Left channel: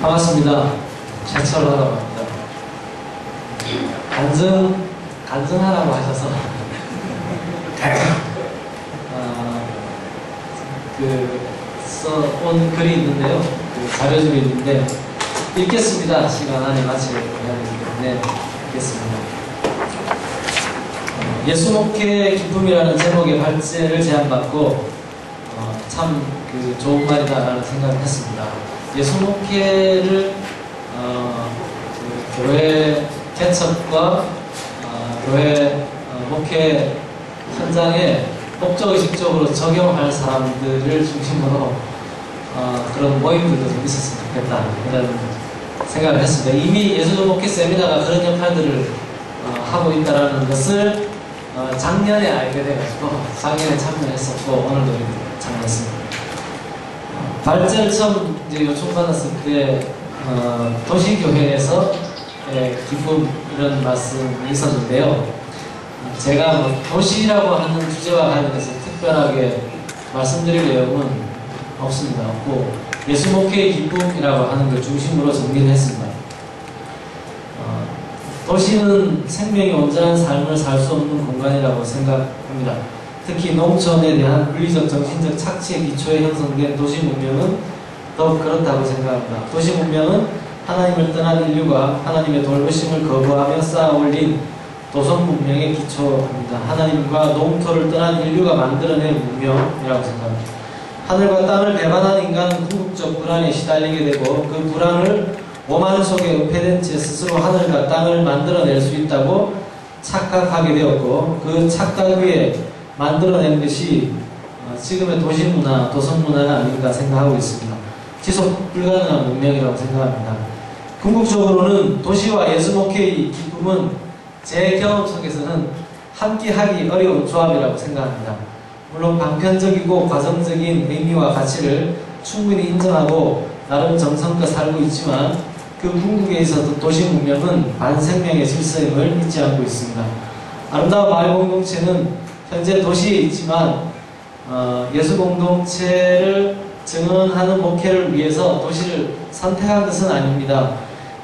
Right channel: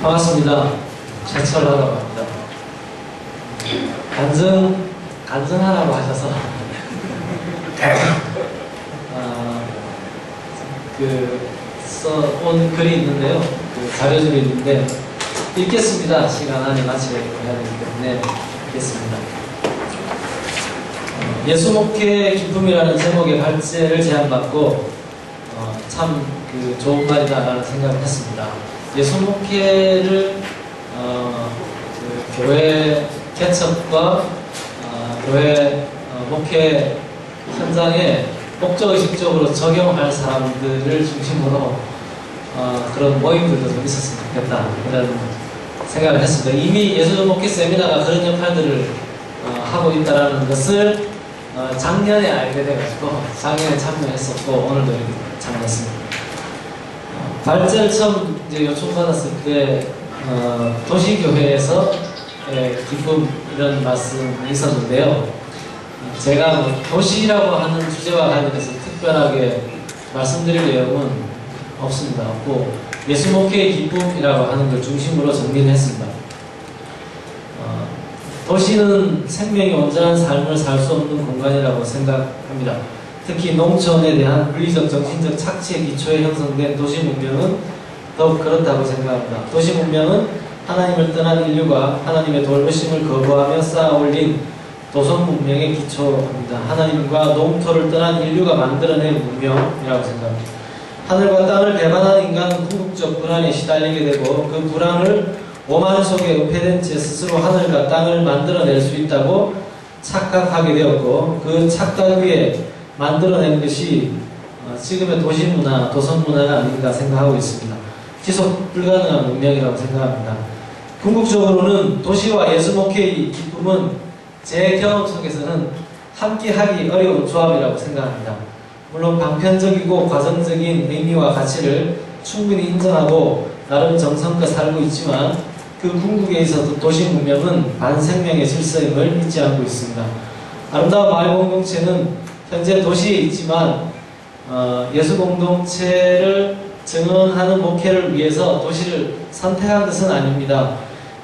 반갑습니다. 최철화라고 합니다. 간증하라고 하셔서 써온 글이 있는데요. 자료들이 있는데 읽겠습니다. 시간 안에 마치려고 해야 되기 때문에 읽겠습니다. 예수 목회 기쁨이라는 제목의 발제를 제안받고 참 좋은 말이다라는 생각을 했습니다. 예수 목회를 교회 개척과 교회 목회 현장에 목적의식적으로 적용할 사람들을 중심으로 그런 모임들도 좀 있었으면 좋겠다 이런 생각을 했습니다. 이미 예수 목회 세미나가 그런 역할들을 하고 있다는 것을 작년에 알게 돼가지고 작년에 참여했었고 오늘도 이렇게 참여했습니다. 발제를 처음 이제 요청받았을 때 도시교회에서 기쁨 이런 말씀이 있었는데요. 제가 도시라고 하는 주제와 관련해서 특별하게 말씀드릴 내용은 없습니다. 없고 예수 목회의 기쁨이라고 하는 걸 중심으로 정리를 했습니다. 도시는 생명이 온전한 삶을 살 수 없는 공간이라고 생각합니다. 특히 농촌에 대한 물리적, 정신적 착취의 기초에 형성된 도시 문명은 더욱 그렇다고 생각합니다. 도시 문명은 하나님을 떠난 인류가 하나님의 돌보심을 거부하며 쌓아올린 도성 문명의 기초입니다. 하나님과 농토를 떠난 인류가 만들어낸 문명이라고 생각합니다. 하늘과 땅을 배반한 인간은 궁극적 불안에 시달리게 되고 그 불안을 오만 속에 은폐된 채 스스로 하늘과 땅을 만들어낼 수 있다고 착각하게 되었고 그 착각 위에 만들어낸 것이 지금의 도시문화, 도성문화가 아닌가 생각하고 있습니다. 지속 불가능한 문명이라고 생각합니다. 궁극적으로는 도시와 예수 목회의 기쁨은 제 경험 속에서는 함께하기 어려운 조합이라고 생각합니다. 물론 방편적이고 과정적인 의미와 가치를 충분히 인정하고 나름 정성껏 살고 있지만 그 궁극에 있어서 도시 문명은 반생명의 질서임을 잊지 않고 있습니다. 아름다운 마을 공동체는 현재 도시에 있지만 예수 공동체를 증언하는 목회를 위해서 도시를 선택한 것은 아닙니다.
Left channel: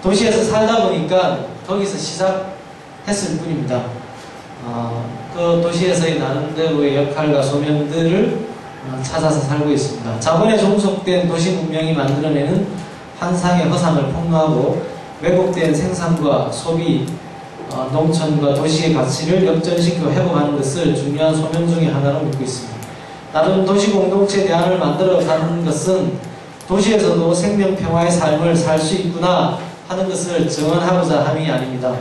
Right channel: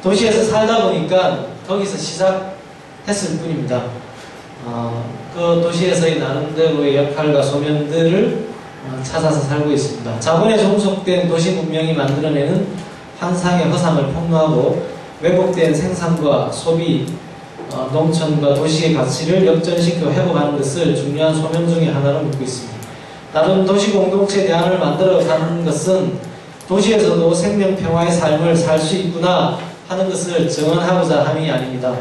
도시에서 살다 보니까 거기서 시작했을 뿐입니다. 그 도시에서의 나름대로의 역할과 소명들을 찾아서 살고 있습니다. 자본에 종속된 도시 문명이 만들어내는 환상의 허상을 폭로하고 왜곡된 생산과 소비, 농촌과 도시의 가치를 역전시켜 회복하는 것을 중요한 소명 중의 하나로 믿고 있습니다. 나름 도시 공동체 대안을 만들어가는 것은 도시에서도 생명평화의 삶을 살 수 있구나 하는 것을 증언하고자 함이 아닙니다.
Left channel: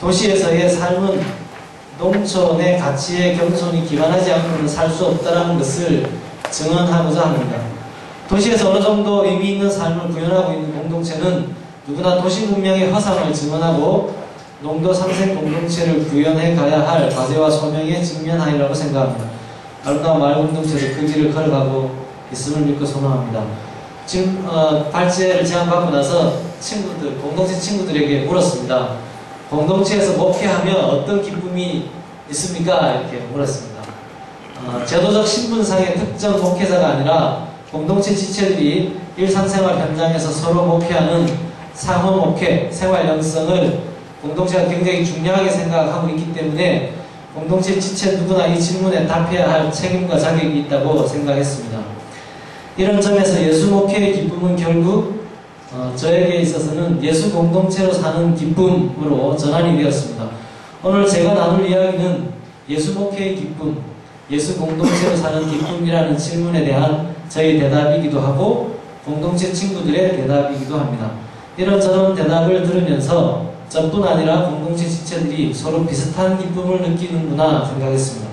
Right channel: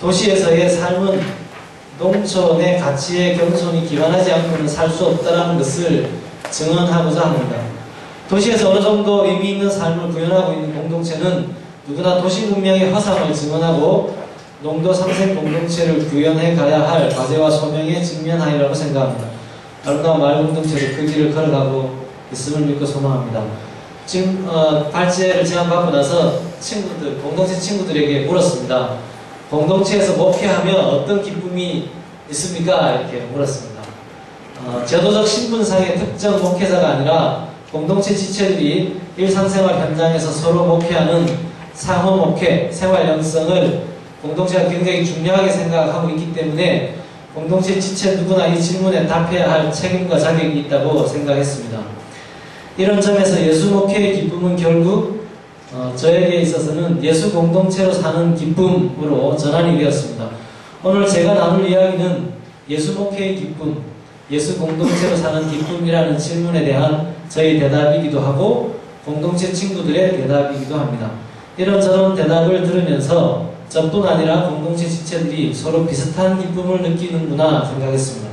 도시에서의 삶은 농촌의 가치에 겸손히 기반하지 않고는 살 수 없다는 것을 증언하고자 합니다. 도시에서 어느 정도 의미 있는 삶을 구현하고 있는 공동체는 누구나 도시 문명의 화상을 증언하고 농도 상생 공동체를 구현해 가야 할 과제와 소명에 직면하리라고 생각합니다. 아름다운 마을 공동체도 그 길을 걸어가고 있음을 믿고 소망합니다. 지금 발제를 제안받고 나서 공동체 친구들에게 물었습니다. 공동체에서 목회하면 어떤 기쁨이 있습니까? 이렇게 물었습니다. 제도적 신분상의 특정 목회자가 아니라 공동체 지체들이 일상생활 현장에서 서로 목회하는 상호 목회, 생활 영성을 공동체가 굉장히 중요하게 생각하고 있기 때문에 공동체 지체 누구나 이 질문에 답해야 할 책임과 자격이 있다고 생각했습니다. 이런 점에서 예수 목회의 기쁨은 결국 저에게 있어서는 예수 공동체로 사는 기쁨으로 전환이 되었습니다. 오늘 제가 나눌 이야기는 예수 목회의 기쁨, 예수 공동체로 사는 기쁨이라는 질문에 대한 저희 대답이기도 하고 공동체 친구들의 대답이기도 합니다. 이런저런 대답을 들으면서 저뿐 아니라 공동체 지체들이 서로 비슷한 기쁨을 느끼는구나 생각했습니다.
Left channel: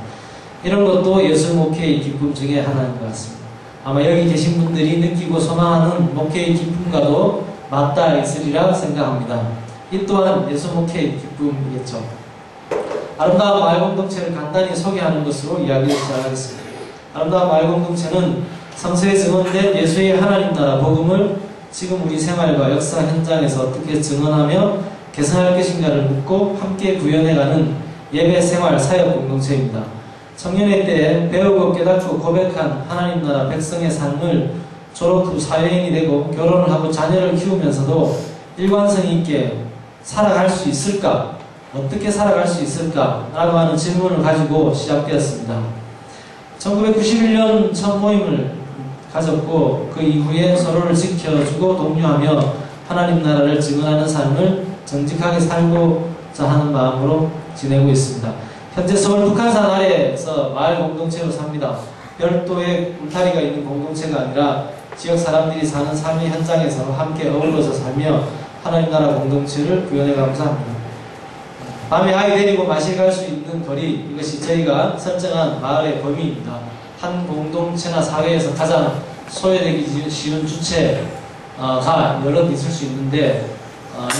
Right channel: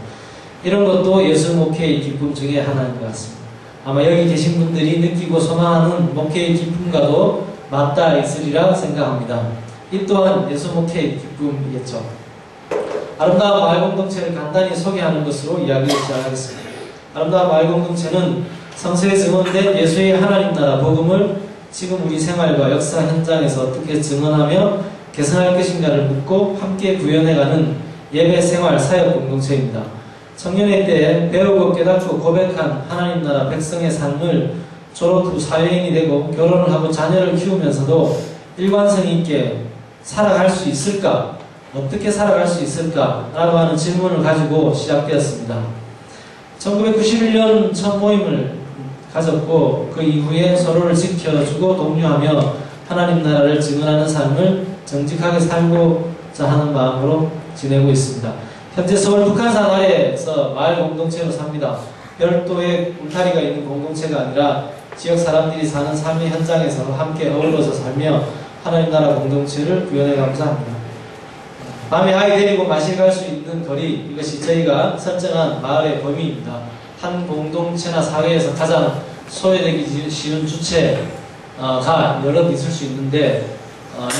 이런 것도 예수 목회의 기쁨 중에 하나인 것 같습니다. 아마 여기 계신 분들이 느끼고 소망하는 목회의 기쁨과도 맞닿아 있으리라 생각합니다. 이 또한 예수 목회의 기쁨이겠죠. 아름다운 마을 공동체를 간단히 소개하는 것으로 이야기를 시작하겠습니다. 아름다운 마을 공동체는 성서에 증언된 예수의 하나님 나라 복음을 지금 우리 생활과 역사 현장에서 어떻게 증언하며 개선할 것인가를 묻고 함께 구현해가는 예배 생활 사역 공동체입니다. 청년의 때에 배우고 깨닫고 고백한 하나님 나라 백성의 삶을 졸업 후 사회인이 되고 결혼을 하고 자녀를 키우면서도 일관성 있게 살아갈 수 있을까? 어떻게 살아갈 수 있을까? 라고 하는 질문을 가지고 시작되었습니다. 1991년 첫 모임을 가졌고 그 이후에 서로를 지켜주고 독려하며 하나님 나라를 증언하는 삶을 정직하게 살고자 하는 마음으로 지내고 있습니다. 현재 서울 북한산 아래에서 마을 공동체로 삽니다. 별도의 울타리가 있는 공동체가 아니라 지역 사람들이 사는 삶의 현장에서 함께 어우러져 살며 하나님 나라 공동체를 구현해 감사합니다. 밤에 아이 데리고 마실 갈 수 있는 거리, 이것이 저희가 설정한 마을의 범위입니다. 한 공동체나 사회에서 가장 소외되기 쉬운 주체가 여럿 있을 수 있는데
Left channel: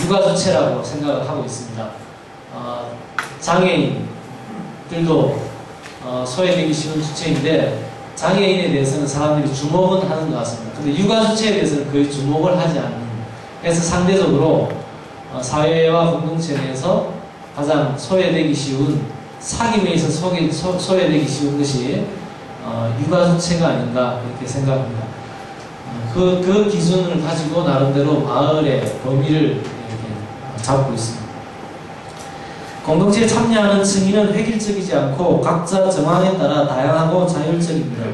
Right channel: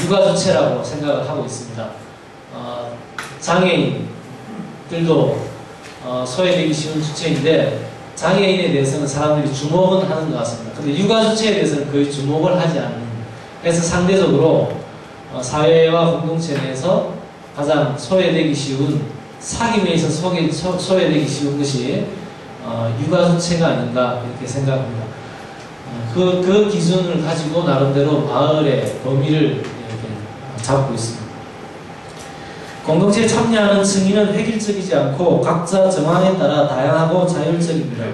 육아주체라고 생각을 하고 있습니다. 장애인들도 소외되기 쉬운 주체인데 장애인에 대해서는 사람들이 주목은 하는 것 같습니다. 근데 육아주체에 대해서는 거의 주목을 하지 않는, 그래서 상대적으로 사회와 공동체 내에서 가장 소외되기 쉬운, 사귐에 있어서 소외되기 쉬운 것이 육아주체가 아닌가 이렇게 생각합니다. 그 기준을 가지고 나름대로 마을의 범위를 이렇게 잡고 있습니다. 공동체에 참여하는 증인은 획일적이지 않고 각자 정황에 따라 다양하고 자율적입니다.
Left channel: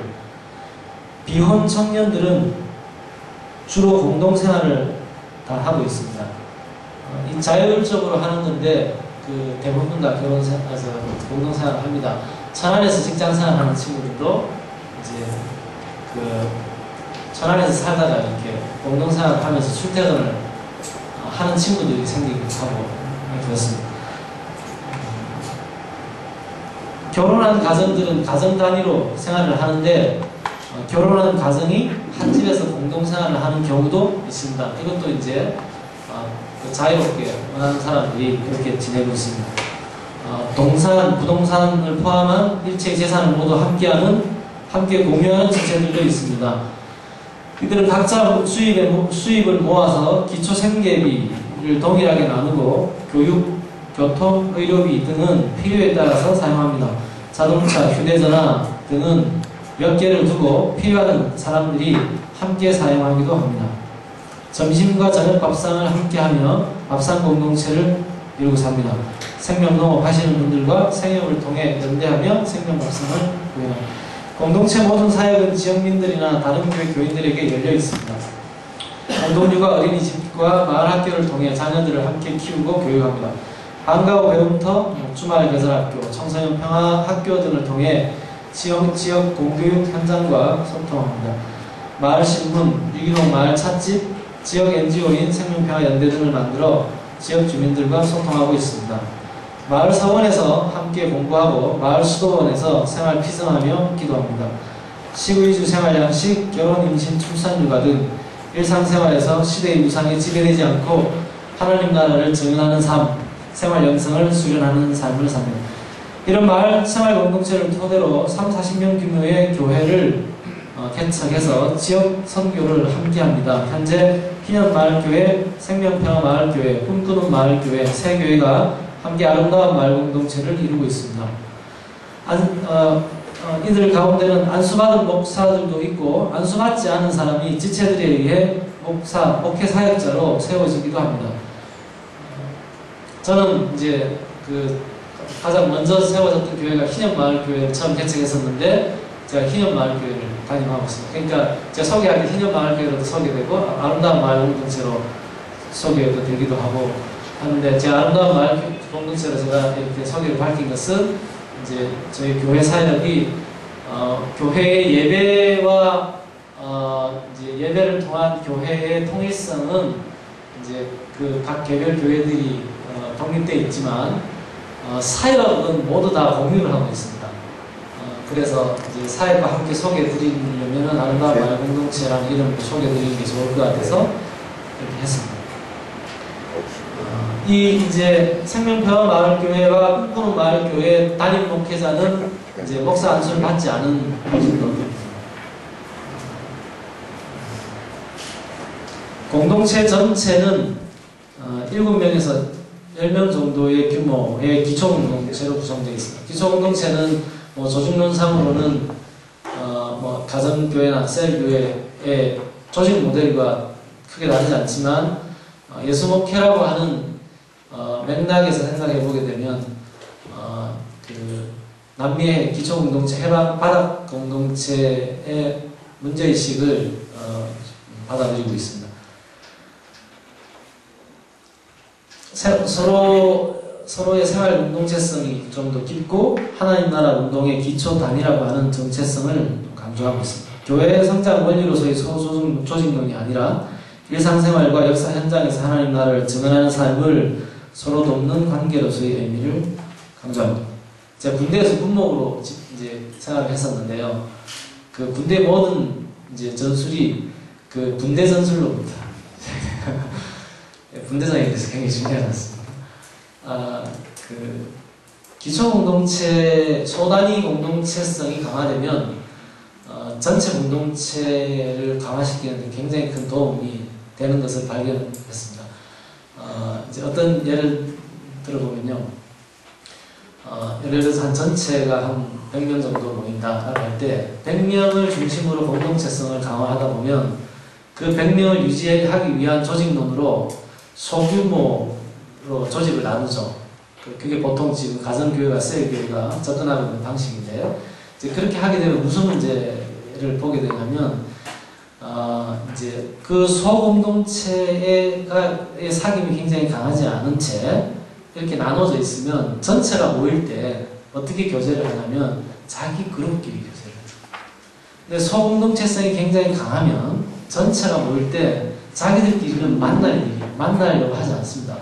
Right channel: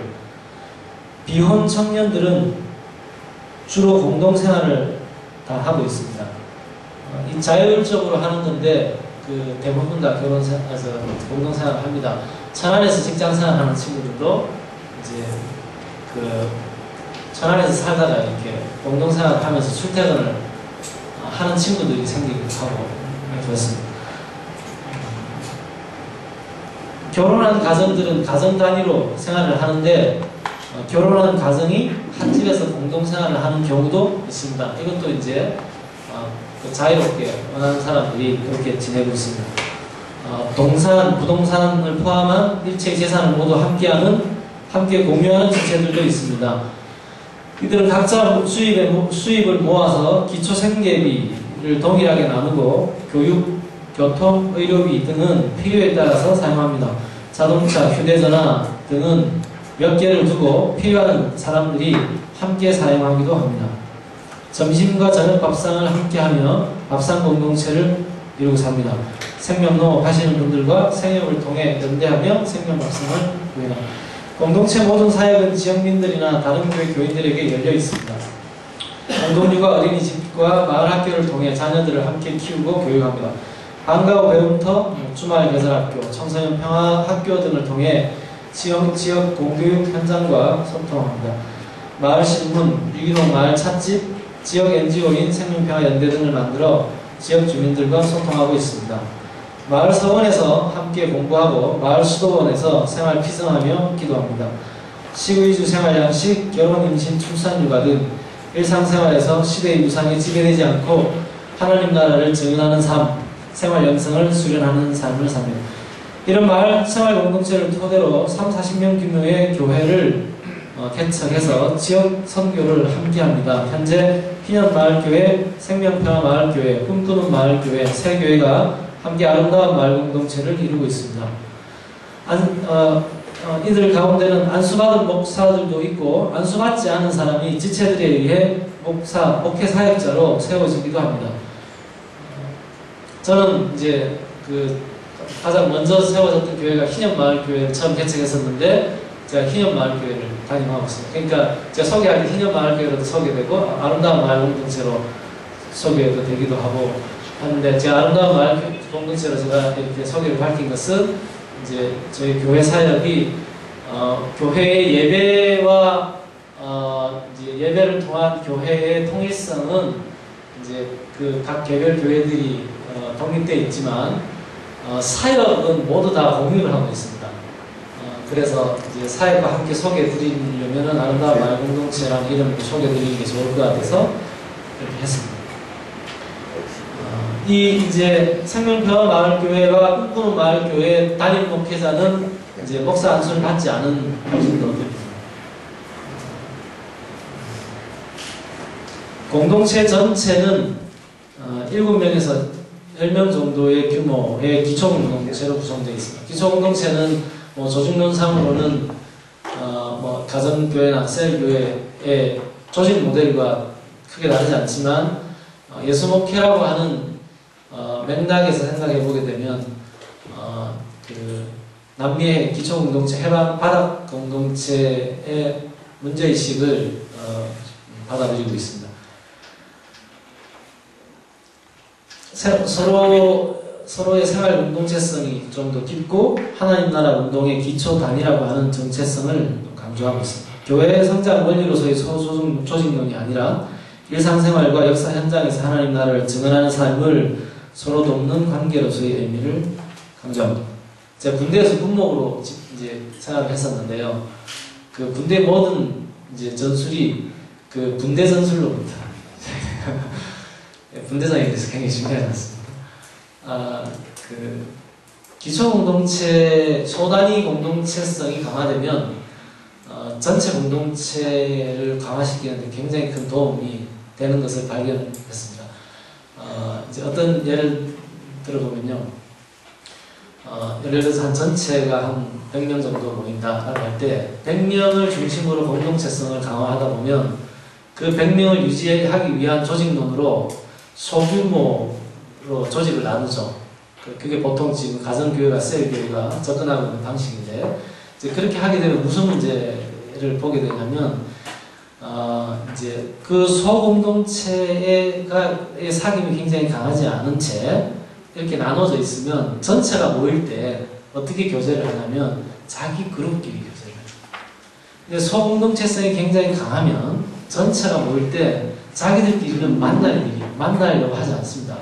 비혼 청년들은 주로 공동생활을 다 하고 있습니다. 이 자율적으로 하는 건데 그 대부분 다 공동생활을 합니다. 천안에서 직장생활 하는 친구들도 이제 그 천안에서 살다가 이렇게 공동생활을 하면서 출퇴근을 하는 친구들이 생기기도 하고 그렇습니다. 결혼한 가정들은 가정 단위로 생활을 하는데 결혼한 가정이 한 집에서 공동생활을 하는 경우도 있습니다. 이것도 이제 자유롭게 원하는 사람들이 그렇게 지내고 있습니다. 동산, 부동산을 포함한 일체의 재산을 모두 함께 공유하는 주체들도 있습니다. 이들은 각자 수입을 모아서 기초 생계비를 동일하게 나누고 교육, 교통, 의료비 등은 필요에 따라서 사용합니다. 자동차, 휴대전화 등은 몇 개를 두고 필요한 사람들이 함께 사용하기도 합니다. 점심과 저녁 밥상을 함께하며 밥상 공동체를 이루고 삽니다. 생명농업 하시는 분들과 생협을 통해 연대하며 생명밥상을 구현합니다. 공동체 모든 사역은 지역민들이나 다른 교회 교인들에게 열려 있습니다. 공동육아 어린이집과 마을학교를 통해 자녀들을 함께 키우고 교육합니다. 방과 후 배움터, 주말 계절학교, 청소년 평화학교 등을 통해 지역 공교육 현장과 소통합니다. 마을신문, 유기농 마을 찻집, 지역 NGO인 생명평화연대 등을 만들어 지역 주민들과 소통하고 있습니다. 마을 서원에서 함께 공부하고 마을 수도원에서 생활 피성하며 기도합니다. 시구이주 생활양식, 결혼, 임신, 출산, 육아 등 일상생활에서 시대의 우상에 지배되지 않고 하나님 나라를 증언하는 삶, 생활 영성을 수련하는 삶을 삽니다. 이런 마을 생활 공동체를 토대로 30-40명 규모의 교회를 개척해서 지역 선교를 함께합니다. 현재 희년마을교회, 생명평화마을교회, 꿈꾸는 마을교회 세 교회가 함께 아름다운 마을 공동체를 이루고 있습니다. 이들 가운데는 안수받은 목사들도 있고 안수받지 않은 사람이 지체들에 의해 목회 사역자로 세워지기도 합니다. 저는 이제 가장 먼저 세워졌던 교회가 희년마을교회를 처음 개척했었는데 제가 희년마을교회를 담임하고 있습니다. 그러니까 제가 소개할 때 희년마을교회로도 소개되고 아름다운 마을 공동체로 소개도 되기도 하고 하는데 제가 아름다운 마을 공동체로 제가 이렇게 소개를 밝힌 것은 이제 저희 교회 사역이 교회의 예배와 이제 예배를 통한 교회의 통일성은 이제 각 개별 교회들이 독립되어 있지만 사역은 모두 다 공유를 하고 있습니다. 그래서 이제 사역과 함께 소개해드리려면 아름다운 마을 공동체라는 이름으로 소개해드리는 게 좋을 것 같아서 이렇게 했습니다. 이제 생명평화마을교회와 꿈꾸는 마을교회 담임 목회자는 이제 목사 안수를 받지 않은 분들입니다. 공동체 전체는 7명에서 10명 정도의 규모의 기초공동체로 구성되어 있습니다. 기초공동체는 조직론상으로는 가정교회나 셀교회의 조직 모델과 크게 다르지 않지만 예수 목회라고 하는 맥락에서 생각해 보게 되면 그 남미의 기초 공동체, 해방 바닥 공동체의 문제의식을 받아들이고 있습니다. 서로의 생활 공동체성이 좀 더 깊고 하나님 나라 운동의 기초 단위라고 하는 정체성을 강조하고 있습니다. 교회의 성장 원리로서의 소조직 조직론이 아니라 일상생활과 역사 현장에서 하나님 나라를 증언하는 삶을 서로 돕는 관계로서의 의미를 강조합니다. 제가 군대에서 군목으로 이제 생활을 했었는데요. 그 군대 모든 이제 전술이 그 군대 전술로부터 군대장에 대해서 굉장히 중요하지 않습니까? 그 기초 공동체, 소단위 공동체성이 강화되면 전체 공동체를 강화시키는데 굉장히 큰 도움이 되는 것을 발견했습니다. 이제 어떤 예를 들어보면요. 예를 들어서 한 전체가 한 100명 정도 모인다라고 할 때 100명을 중심으로 공동체성을 강화하다 보면 그 100명을 유지하기 위한 조직론으로 소규모로 조직을 나누죠. 그게 보통 지금 가정교회가 셀교회가 접근하고 있는 방식인데 이제 그렇게 하게 되면 무슨 문제를 보게 되냐면 이제 그 소공동체의 사귐이 굉장히 강하지 않은 채 이렇게 나눠져 있으면 전체가 모일 때 어떻게 교제를 하냐면 자기 그룹끼리 교제를 해요. 근데 소공동체성이 굉장히 강하면 전체가 모일 때 자기들끼리는 만나려고 하지 않습니다.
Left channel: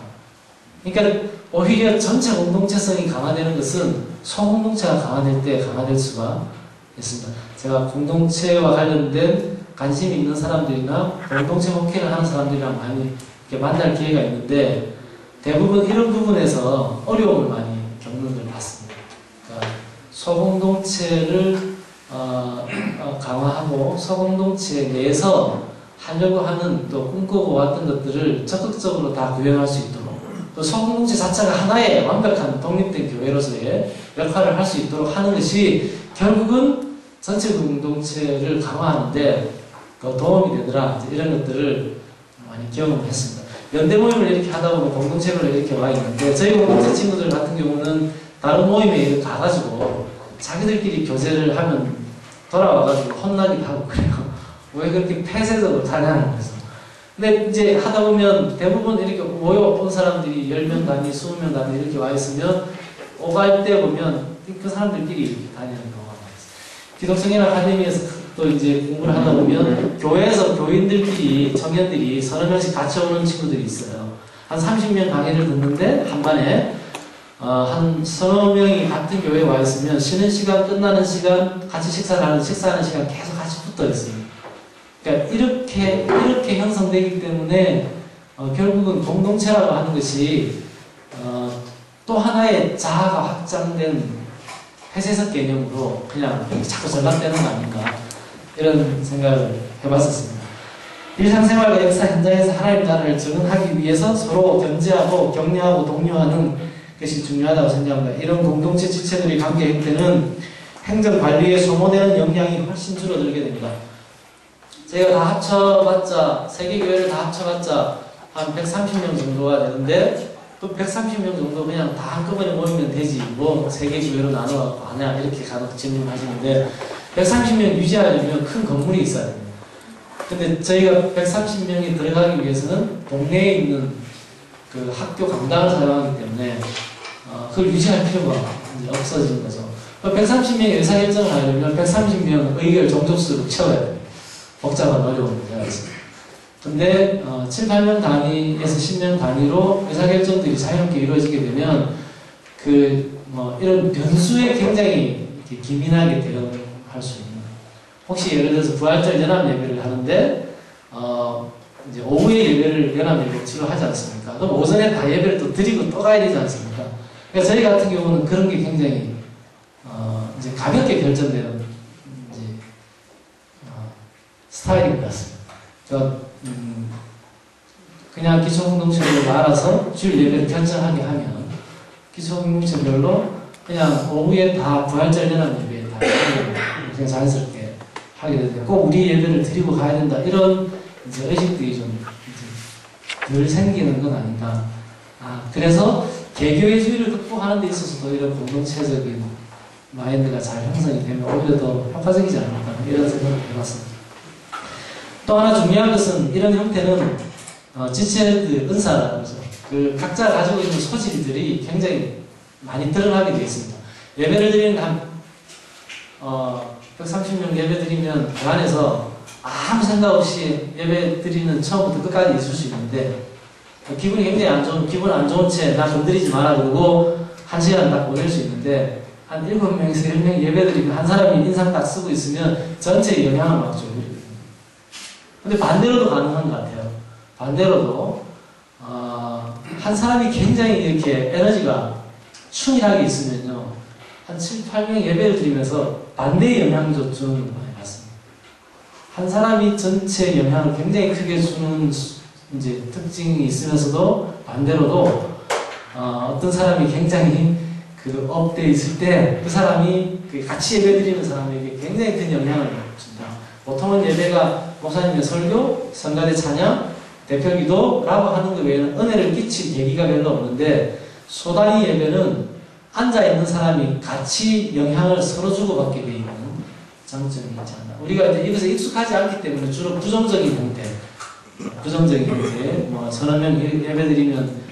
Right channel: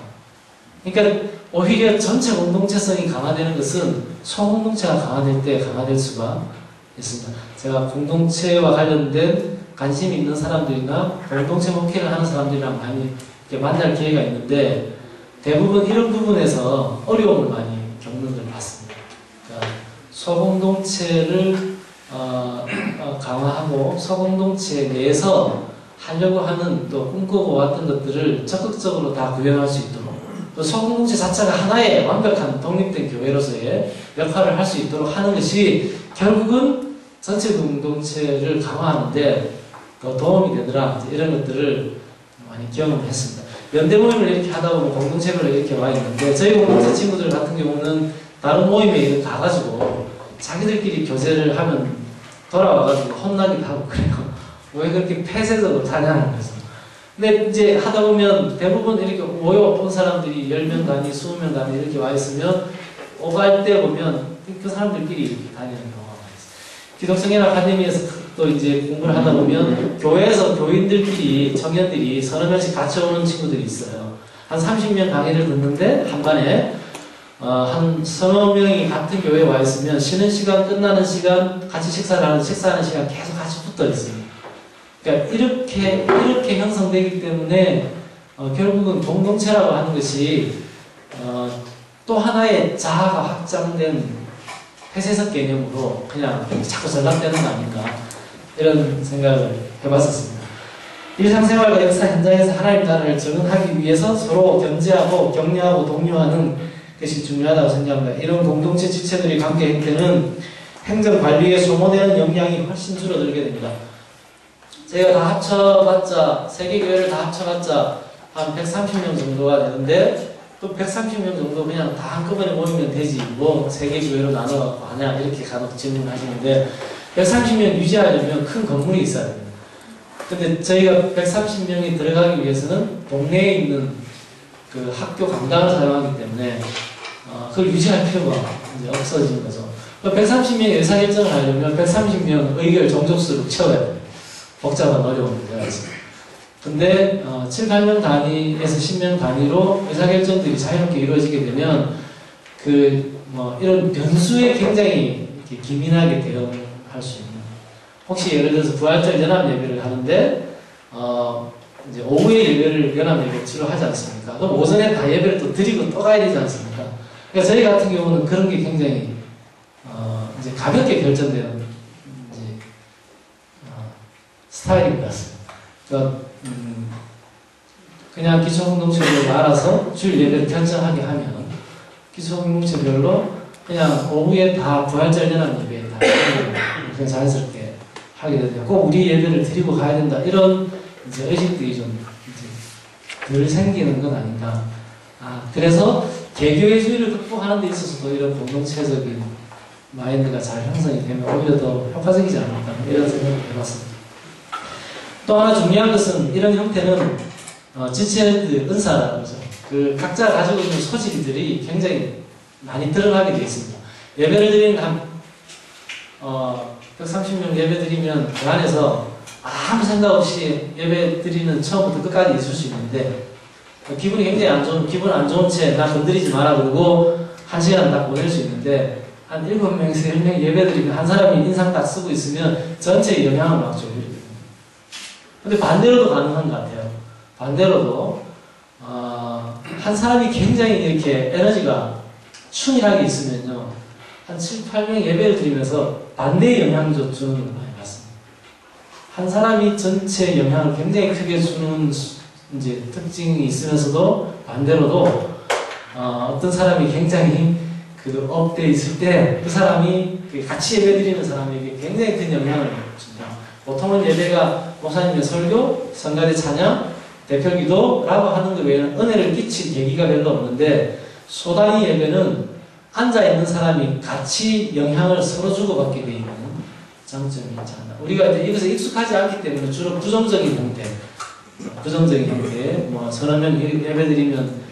그러니까 오히려 전체 공동체성이 강화되는 것은 소공동체가 강화될 때 강화될 수가 있습니다. 제가 공동체와 관련된 관심 있는 사람들이나 공동체 목회를 하는 사람들이랑 많이 이렇게 만날 기회가 있는데 대부분 이런 부분에서 어려움을 많이 겪는 걸 봤습니다. 그러니까 소공동체를 강화하고 소공동체 내에서 하려고 하는 또 꿈꾸고 왔던 것들을 적극적으로 다 구현할 수 있도록 또 소공동체 자체가 하나의 완벽한 독립된 교회로서의 역할을 할 수 있도록 하는 것이 결국은 전체 공동체를 강화하는데 더 도움이 되더라. 이런 것들을 많이 경험을 했습니다. 연대 모임을 이렇게 하다 보면 공동체별로 이렇게 와 있는데 저희 공동체 친구들 같은 경우는 다른 모임에 가가지고 자기들끼리 교제를 하면 돌아와가지고 혼나기도 하고 그래요. 왜 그렇게 폐쇄적으로 타냐는 거죠. 근데 이제 하다 보면 대부분 이렇게 모여온 사람들이 10명 단위, 20명 단위 이렇게 와 있으면 오갈 때 보면 그 사람들끼리 다니는 경우가 많습니다. 기독성인 아카데미에서 또 이제 공부를 하다 보면 교회에서 교인들끼리, 청년들이 서너 명씩 같이 오는 친구들이 있어요. 한 30명 강의를 듣는데 한 반에 한 서너 명이 같은 교회에 와 있으면 쉬는 시간, 끝나는 시간, 같이 식사하는 시간 계속 같이 붙어 있습니다. 그러니까 이렇게 형성되기 때문에 결국은 공동체라고 하는 것이 또 하나의 자아가 확장된 폐쇄적 개념으로 그냥 자꾸 전락되는 거 아닌가 이런 생각을 해봤었습니다. 일상생활과 역사 현장에서 하나님 나라를 적응하기 위해서 서로 견제하고 격려하고 독려하는 것이 중요하다고 생각합니다. 이런 공동체 지체들의 관계 형태는 행정관리에 소모되는 역량이 훨씬 줄어들게 됩니다. 저희가 다 합쳐봤자, 세계교회를 다 합쳐봤자 한 130명 정도가 되는데 그 130명 정도 그냥 다 한꺼번에 모이면 되지 뭐 세계교회로 나눠갖고 하냐 이렇게 간혹 질문하시는데 130명 유지하려면 큰 건물이 있어야 됩니다. 근데 저희가 130명이 들어가기 위해서는 동네에 있는 그 학교 강당을 사용하기 때문에 그걸 유지할 필요가 이제 없어지는 거죠. 130명의 의사결정을 하려면 130명 의결 종족수를 채워야 돼요. 복잡한 어려운 문제가 있습니다. 근데 7, 8명 단위에서 10명 단위로 의사결정들이 자유롭게 이루어지게 되면 이런 변수에 굉장히 이렇게 기민하게 대응할 수 있는 혹시 예를 들어서 부활절 연합 예배를 하는데 이제 오후에 예배를 연합 예배를 치료하지 않습니까? 그럼 오전에 다 예배를 또 드리고 또 가야 되지 않습니까? 그러니까 저희 같은 경우는 그런 게 굉장히 이제 가볍게 결정되는 이제 스타일인 것 같습니다. 그러니까 그냥 기초공동체별로 알아서 주일 예배를 결정하게 하면 기초공동체별로 그냥 오후에 다 부활절 연합 예배에 다 그냥 자연스럽게 하게 되는데 꼭 우리 예배를 드리고 가야 된다 이런 이제 의식들이 좀 이제 덜 생기는 건 아닌가. 그래서 개교회주의를 극복하는 데 있어서도 이런 공동체적인 마인드가 잘 형성이 되면 오히려 더 효과적이지 않을까 이런 생각을 해봤습니다. 또 하나 중요한 것은 이런 형태는 지체드 은사라는 거죠. 그 각자 가지고 있는 소질들이 굉장히 많이 드러나게 되어 있습니다. 예배를 드리는 130명 예배 드리면 그 안에서 아무 생각 없이 예배 드리는 처음부터 끝까지 있을 수 있는데 기분이 굉장히 안 좋은, 기분 안 좋은 채 나 건드리지 마라 그러고 1시간 딱 보낼 수 있는데 한 7명에서 10명 예배 드리면 한 사람이 인상 딱 쓰고 있으면 전체에 영향을 막 줘요. 근데 반대로도 가능한 것 같아요. 반대로도 한 사람이 굉장히 이렇게 에너지가 충실하게 있으면요 한 7, 8명 예배를 드리면서 반대의 영향을 주는 걸 많이 봤습니다. 한 사람이 전체 영향을 굉장히 크게 주는 이제 특징이 있으면서도 반대로도 어떤 사람이 굉장히 그 업돼 있을 때 그 사람이 같이 예배 드리는 사람에게 굉장히 큰 영향을 줍니다. 보통은 예배가 목사님의 설교, 성가대 찬양, 대표기도라고 하는 것 외에는 은혜를 끼칠 계기가 별로 없는데 소단위 예배는 앉아있는 사람이 같이 영향을 서로 주고받게 되어 있는 장점이 있지 않나. 우리가 이제 이것에 익숙하지 않기 때문에 주로 부정적인 형태, 뭐 서너 명 예배드리면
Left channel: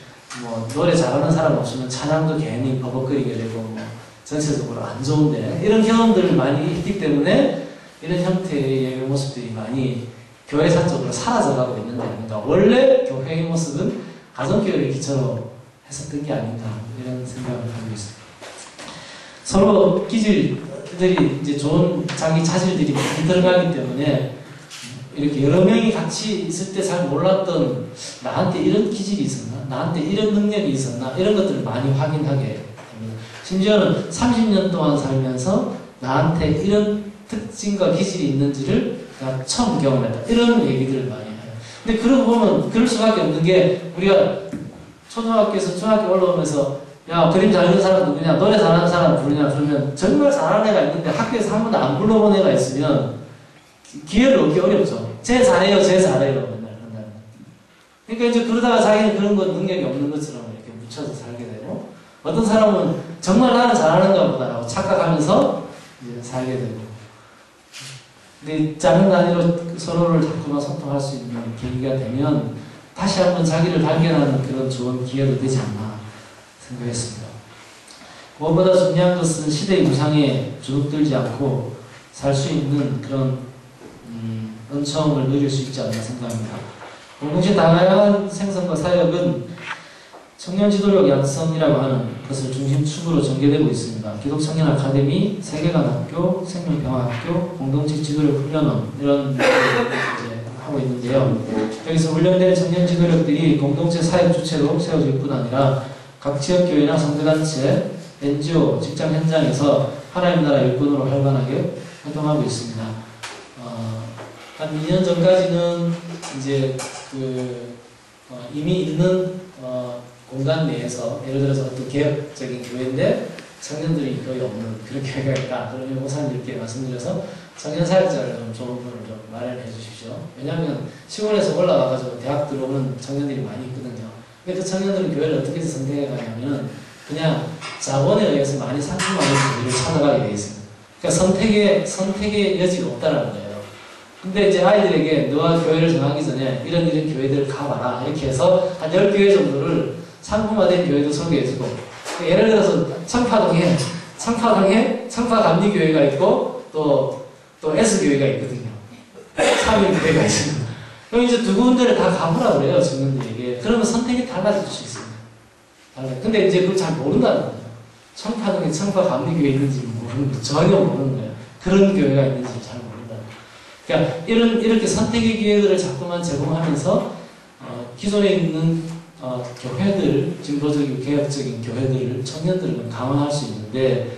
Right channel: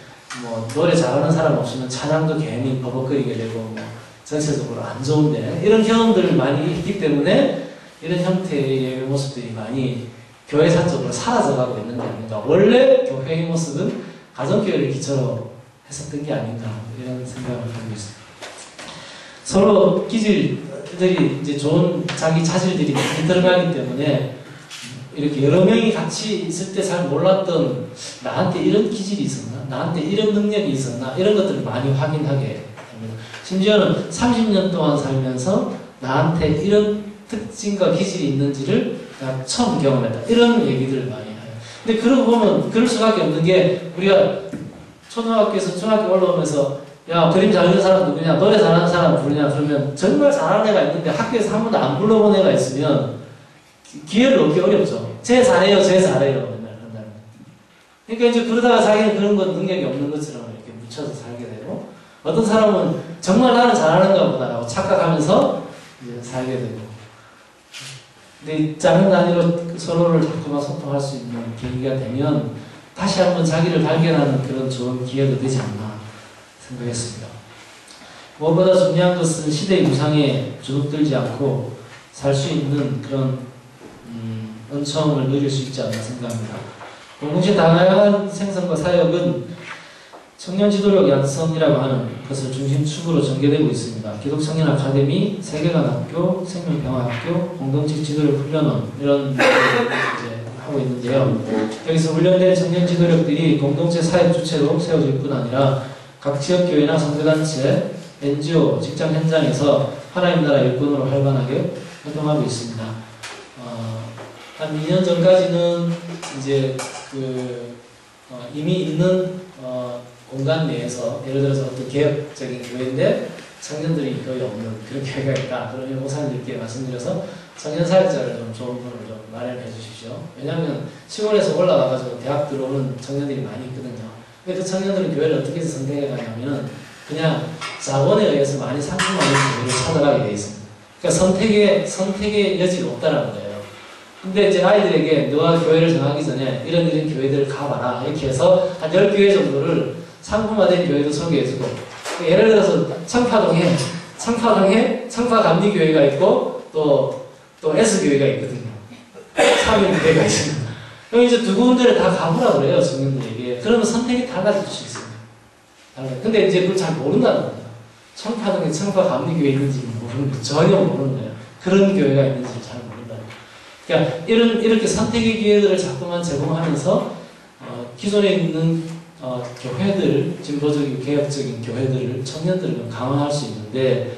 뭐 노래 잘하는 사람 없으면 찬양도 괜히 버벅거리게 되고 뭐 전체적으로 안 좋은데 이런 경험들을 많이 있기 때문에 이런 형태의 예배 모습들이 많이 교회 산적으로 사라져가고 있는 게 아닌가. 원래 교회의 모습은 가정교회를 기초로 했었던 게 아닌가 이런 생각을 하고 있습니다. 서로 기질들이 이제 좋은 자기 자질들이 많이 들어가기 때문에 이렇게 여러 명이 같이 있을 때 잘 몰랐던 나한테 이런 기질이 있었나? 나한테 이런 능력이 있었나? 이런 것들을 많이 확인하게 됩니다. 심지어는 30년 동안 살면서 나한테 이런 특징과 기질이 있는지를 내가 처음 경험했다. 이런 얘기들을 많이 해요. 근데 그러고 보면 그럴 수밖에 없는 게 우리가 초등학교에서 중학교 올라오면서 야 그림 잘 그리는 사람 누구냐? 노래 잘하는 사람 부르냐? 그러면 정말 잘하는 애가 있는데 학교에서 한 번도 안 불러본 애가 있으면 기회를 얻기 어렵죠. 쟤 잘해요, 맨날 한다는. 그러니까 이제 그러다가 자기는 그런 건 능력이 없는 것처럼 이렇게 묻혀서 살게 되고, 어떤 사람은 정말 나는 잘하는가 보다라고 착각하면서 이제 살게 되고. 근데 작은 단위로 서로를 자꾸만 소통할 수 있는 계기가 되면 다시 한번 자기를 발견하는 그런 좋은 기회도 되지 않나 생각했습니다. 무엇보다 중요한 것은 시대의 무상에 주눅들지 않고 살 수 있는 그런 은총을 누릴 수 있지 않나 생각합니다. 공동체 다양한 생성과 사역은 청년 지도력 양성이라고 하는 것을 중심축으로 전개되고 있습니다. 기독청년 아카데미, 세계관학교, 생명평화학교, 공동체 지도력 훈련원 이런 이제 하고 있는데요. 여기서 훈련된 청년 지도력들이 공동체 사역 주체로 세워질 뿐 아니라 각 지역교회나 선교단체, NGO, 직장 현장에서 하나님 나라 일꾼으로 활발하게 활동하고 있습니다. 한 2년 전까지는 이제 이미 있는 공간 내에서 예를 들어서 어떤 개혁적인 교회인데 청년들이 거의 없는 그런 교회가 있다. 그러면 목사님들께 말씀드려서 청년 사역자를 좀 좋은 분을 좀 마련해 주십시오. 왜냐하면 시골에서 올라와가지고 대학 들어오는 청년들이 많이 있거든요. 근데 그 청년들은 교회를 어떻게 해서 선택해 가냐면 그냥 자본에 의해서 많이 상품화된 교회를 찾아가게 돼 있습니다. 그러니까 선택의 여지가 없다는 거예요. 근데 이제 아이들에게 너가 교회를 정하기 전에 이런 교회들을 가봐라. 이렇게 해서 한 10교회 정도를 상품화된 교회도 소개해주고, 예를 들어서 청파동에 청파감리교회가 있고, 또 S교회가 있거든요. 3일교회가 있습니다. 그럼 이제 두 군데를 다 가보라 그래요, 청년들에게. 그러면 선택이 달라질 수 있습니다. 근데 이제 그걸 잘 모른다는 거예요. 청파동에 청파감리교회 있는지 전혀 모르는 거예요. 그런 교회가 있는지 잘 모른다는 거예요. 그러니까 이렇게 선택의 기회들을 자꾸만 제공하면서 기존에 있는 교회들, 진보적인 개혁적인 교회들을 청년들을 강화할 수 있는데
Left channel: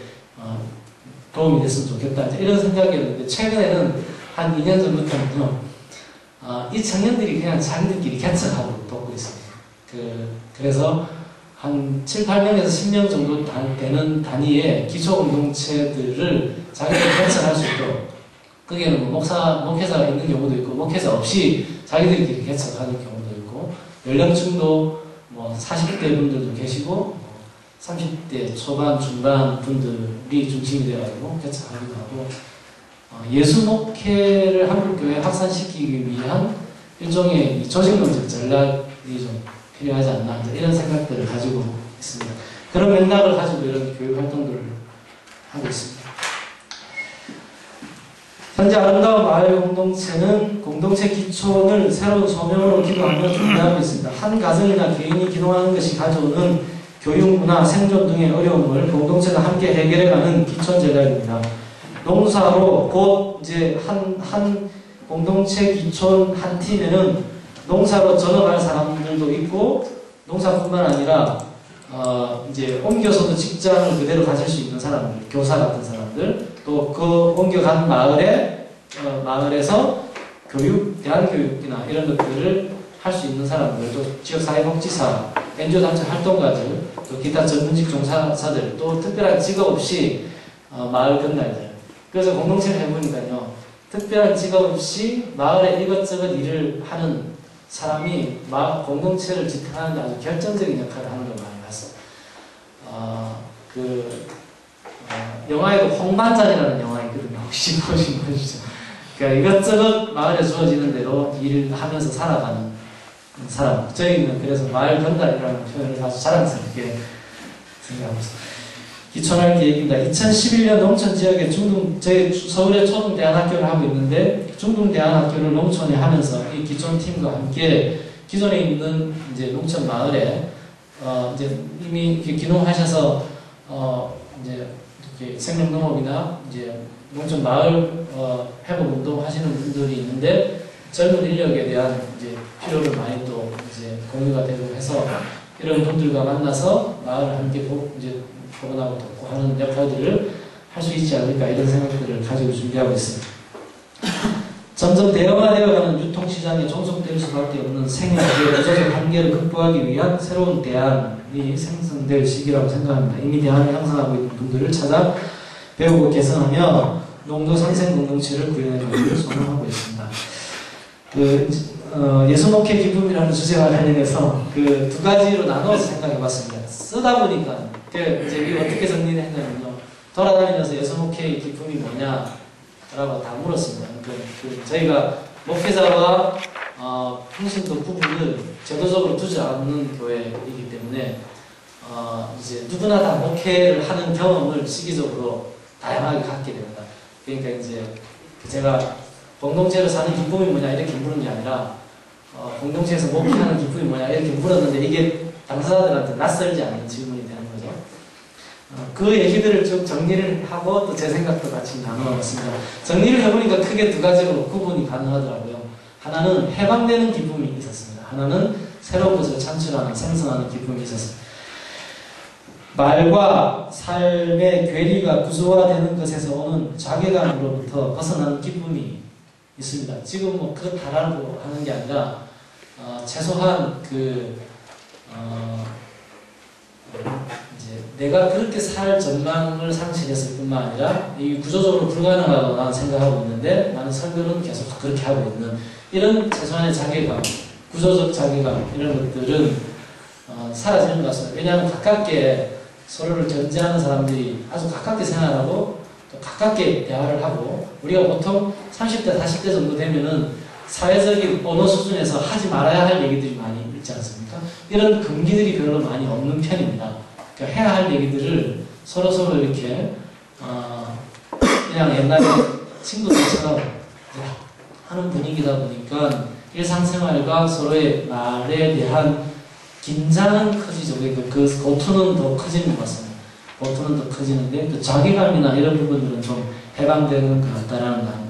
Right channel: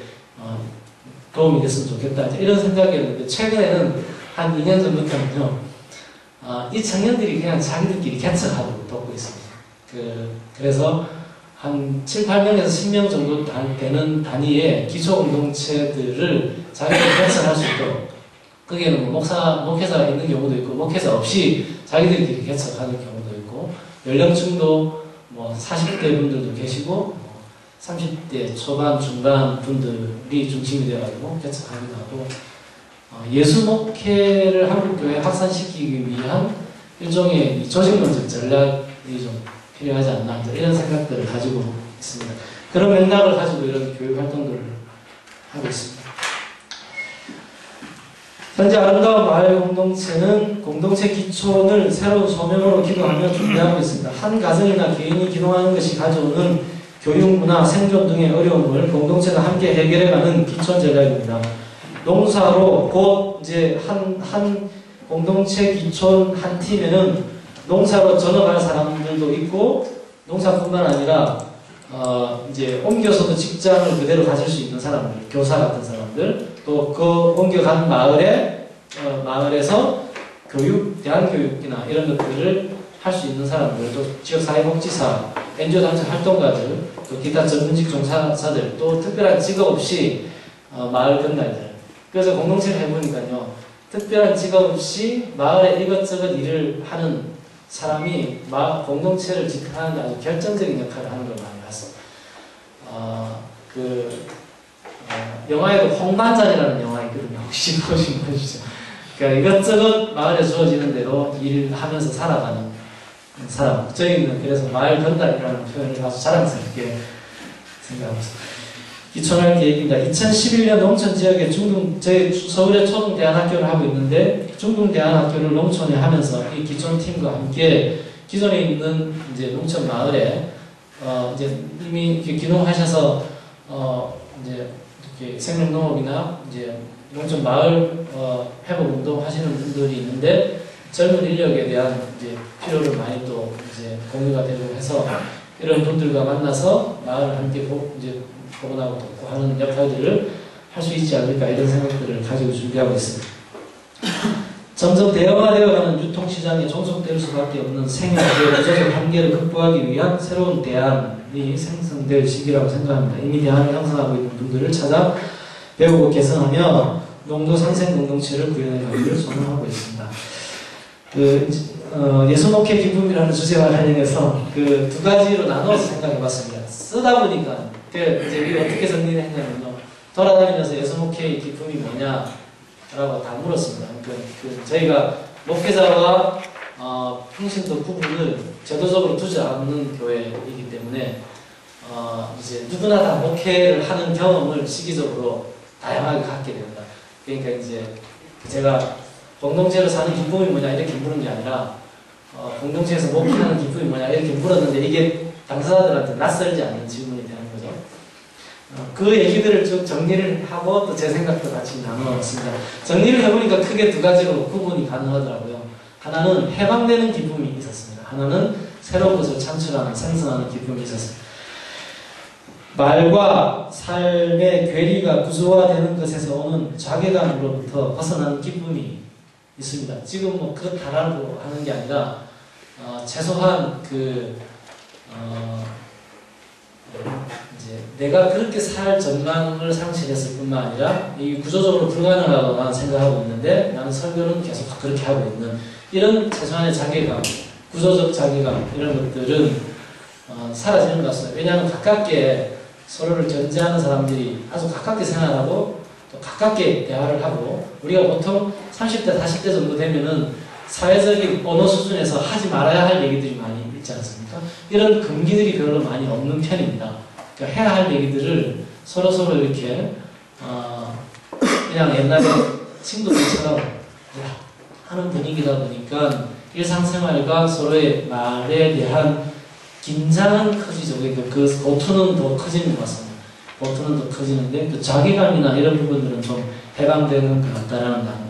도움이 됐으면 좋겠다 이런 생각이었는데 최근에는 한 2년 전부터는요 이 청년들이 그냥 자기들끼리 개척하고 돕고 있습니다. 그래서 한 7, 8명에서 10명 정도 되는 단위의 기초공동체들을 자기들이 개척할 수 있도록 거기에는 목회자가 있는 경우도 있고 목회자 없이 자기들끼리 개척하는 경우도 있고, 연령층도 뭐 40대 분들도 계시고 30대 초반 중반 분들이 중심이 되어가지고 개척하기도 하고, 예수 목회를 한국교회에 확산시키기 위한 일종의 조직론적 전략이 좀 필요하지 않나, 이런 생각들을 가지고 있습니다. 그런 맥락을 가지고 이런 교육 활동들을 하고 있습니다. 현재 아름다운 마을 공동체는 공동체 기촌을 새로운 소명으로 기도하며 준비하고 있습니다. 한 가정이나 개인이 기도하는 것이 가져오는 교육, 문화, 생존 등의 어려움을 공동체가 함께 해결해가는 기촌 전략입니다. 농사로 곧 이제 한 공동체 기촌 한 팀에는 농사로 전업할 사람들도 있고, 농사뿐만 아니라 이제 옮겨서도 직장을 그대로 가질 수 있는 사람들, 교사 같은 사람들, 또 그 옮겨간 마을에서 교육, 대안교육이나 이런 것들을 할 수 있는 사람들, 또 지역사회복지사, NGO 단체 활동가들, 또 기타 전문직 종사자들, 또 특별한 직업 없이 마을 건달들. 그래서 공동체를 해보니까요, 특별한 직업 없이 마을에 이것저것 일을 하는 사람이 공동체를 지탱하는 데 아주 결정적인 역할을 하는 걸 많이 봤어요. 영화에도 홍반장이라는 영화 있거든요. 혹시 보신 거시죠? 그러니까 이것저것 마을에 주어지는 대로 일을 하면서 살아가는 사람. 저희는 그래서 마을 건달이라는 표현을 아주 자랑스럽게 생각하고 있습니다. 기촌할 계획입니다. 2011년 농촌 지역에 저희 서울에 초등대안학교를 하고 있는데, 중등대안학교를 농촌에 하면서 이 기촌팀과 함께 기존에 있는 이제 농촌 마을에 이제 이미 기농하셔서 이제 이렇게 생명농업이나 이제 농촌 마을 회복 운동 하시는 분들이 있는데, 젊은 인력에 대한 이제 필요를 많이 또 이제 공유가 되고 해서 이런 분들과 만나서 마을을 함께 이제 복원하고 돕고 하는 역할들을 할 수 있지 않을까, 이런 생각들을 가지고 준비하고 있습니다. 점점 대형화되어가는 유통시장에 종속될 수밖에 없는 생활의 구조적 한계를 극복하기 위한 새로운 대안이 생성될 시기라고 생각합니다. 이미 대안을 형성하고 있는 분들을 찾아 배우고 개선하며 농도 상생 공동체를 구현하기를 소망하고 있습니다. 예수목회 기쁨이라는 주제와 관련해서 그 두 가지로 나눠서 생각해봤습니다. 쓰다 보니까 이제 어떻게 정리를 했냐면요, 돌아다니면서 예수목회의 기쁨이 뭐냐라고 다 물었습니다. 저희가 목회자와 평신도 부분을 제도적으로 두지 않는 교회이기 때문에 이제 누구나 다 목회를 하는 경험을 시기적으로 다양하게 갖게 됩니다. 그러니까 이제 제가 공동체로 사는 기쁨이 뭐냐 이렇게 물은 게 아니라 공동체에서 목회하는 기쁨이 뭐냐 이렇게 물었는데, 이게 당사자들한테 낯설지 않는 질문이 되는 거죠. 그 얘기들을 쭉 정리를 하고 또 제 생각도 같이 나눠봤습니다. 정리를 해보니까 크게 두 가지로 구분이 가능하더라고요. 하나는 해방되는 기쁨이 있었습니다. 하나는 새로운 것을 창출하는, 생성하는 기쁨이 있었습니다. 말과 삶의 괴리가 구조화되는 것에서 오는 자괴감으로부터 벗어나는 기쁨이 있습니다. 지금 뭐 그렇다라고 하는 게 아니라 최소한 이제 내가 그렇게 살 전망을 상실했을 뿐만 아니라 이 구조적으로 불가능하다고 나는 생각하고 있는데, 나는 설교는 계속 그렇게 하고 있는 이런 최소한의 자괴감, 구조적 자괴감, 이런 것들은 사라지는 것 같습니다. 왜냐하면 가깝게 서로를 견제하는 사람들이 아주 가깝게 생활하고 또 가깝게 대화를 하고, 우리가 보통 30대, 40대 정도 되면은 사회적인 언어 수준에서 하지 말아야 할 얘기들이 많이 있지 않습니까? 이런 금기들이 별로 많이 없는 편입니다. 그러니까 해야 할 얘기들을 서로서로 이렇게 그냥 옛날에 친구들처럼 하는 분위기다 보니까 일상생활과 서로의 말에 대한 긴장은 커지죠. 그 고투는 더 커지는 것 같습니다. 고투는 더 커지는데 그 자괴감이나 이런 부분들은 좀 해방되는 것 같다라는 겁니다.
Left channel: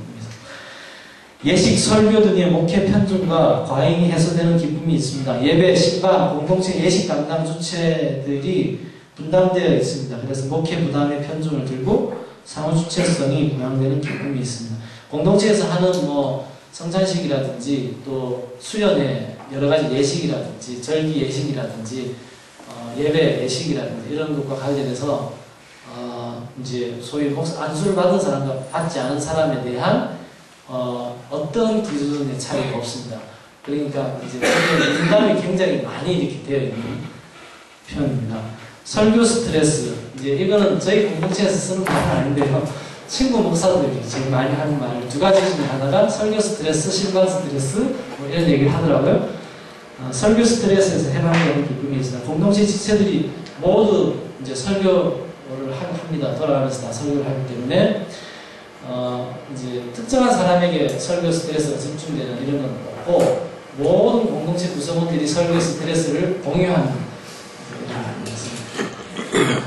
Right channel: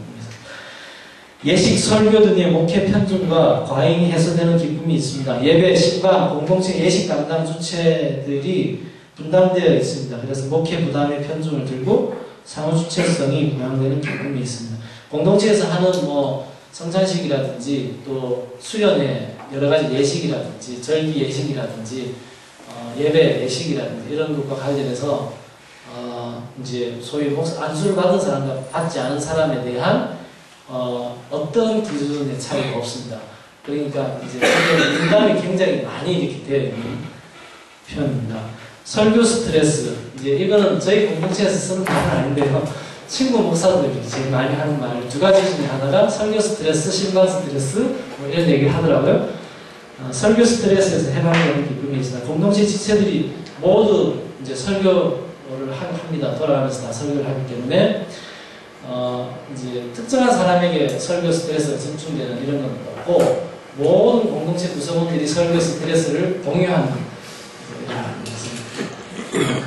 예식, 설교 등의 목회 편중과 과잉이 해소되는 기쁨이 있습니다. 예배, 신방, 공동체 예식 담당 주체들이 분담되어 있습니다. 그래서 목회 부담의 편중을 들고 상호 주체성이 부양되는 기쁨이 있습니다. 공동체에서 하는 성찬식이라든지 또 수련회 여러 가지 예식이라든지 절기 예식이라든지 예배 예식이라든지 이런 것과 관련해서 이제 소위 안수를 받은 사람과 받지 않은 사람에 대한 어떤 기준의 차이가 없습니다. 그러니까 이제 분담이 굉장히 많이 이렇게 되어 있는 표현입니다. 설교 스트레스, 이제 이거는 저희 공동체에서 쓰는 말은 아닌데요. 친구 목사들이 제일 많이 하는 말 두 가지 중에 하나가 설교 스트레스, 신방 스트레스 뭐 이런 얘기를 하더라고요. 설교 스트레스에서 해방되는 기쁨이 있습니다. 공동체 지체들이 모두 이제 설교를 합니다. 돌아가면서 다 설교를 하기 때문에 이제 특정한 사람에게 설교 스트레스가 집중되는 이런 건 없고 모든 공동체 구성원들이 설교 스트레스를 공유하는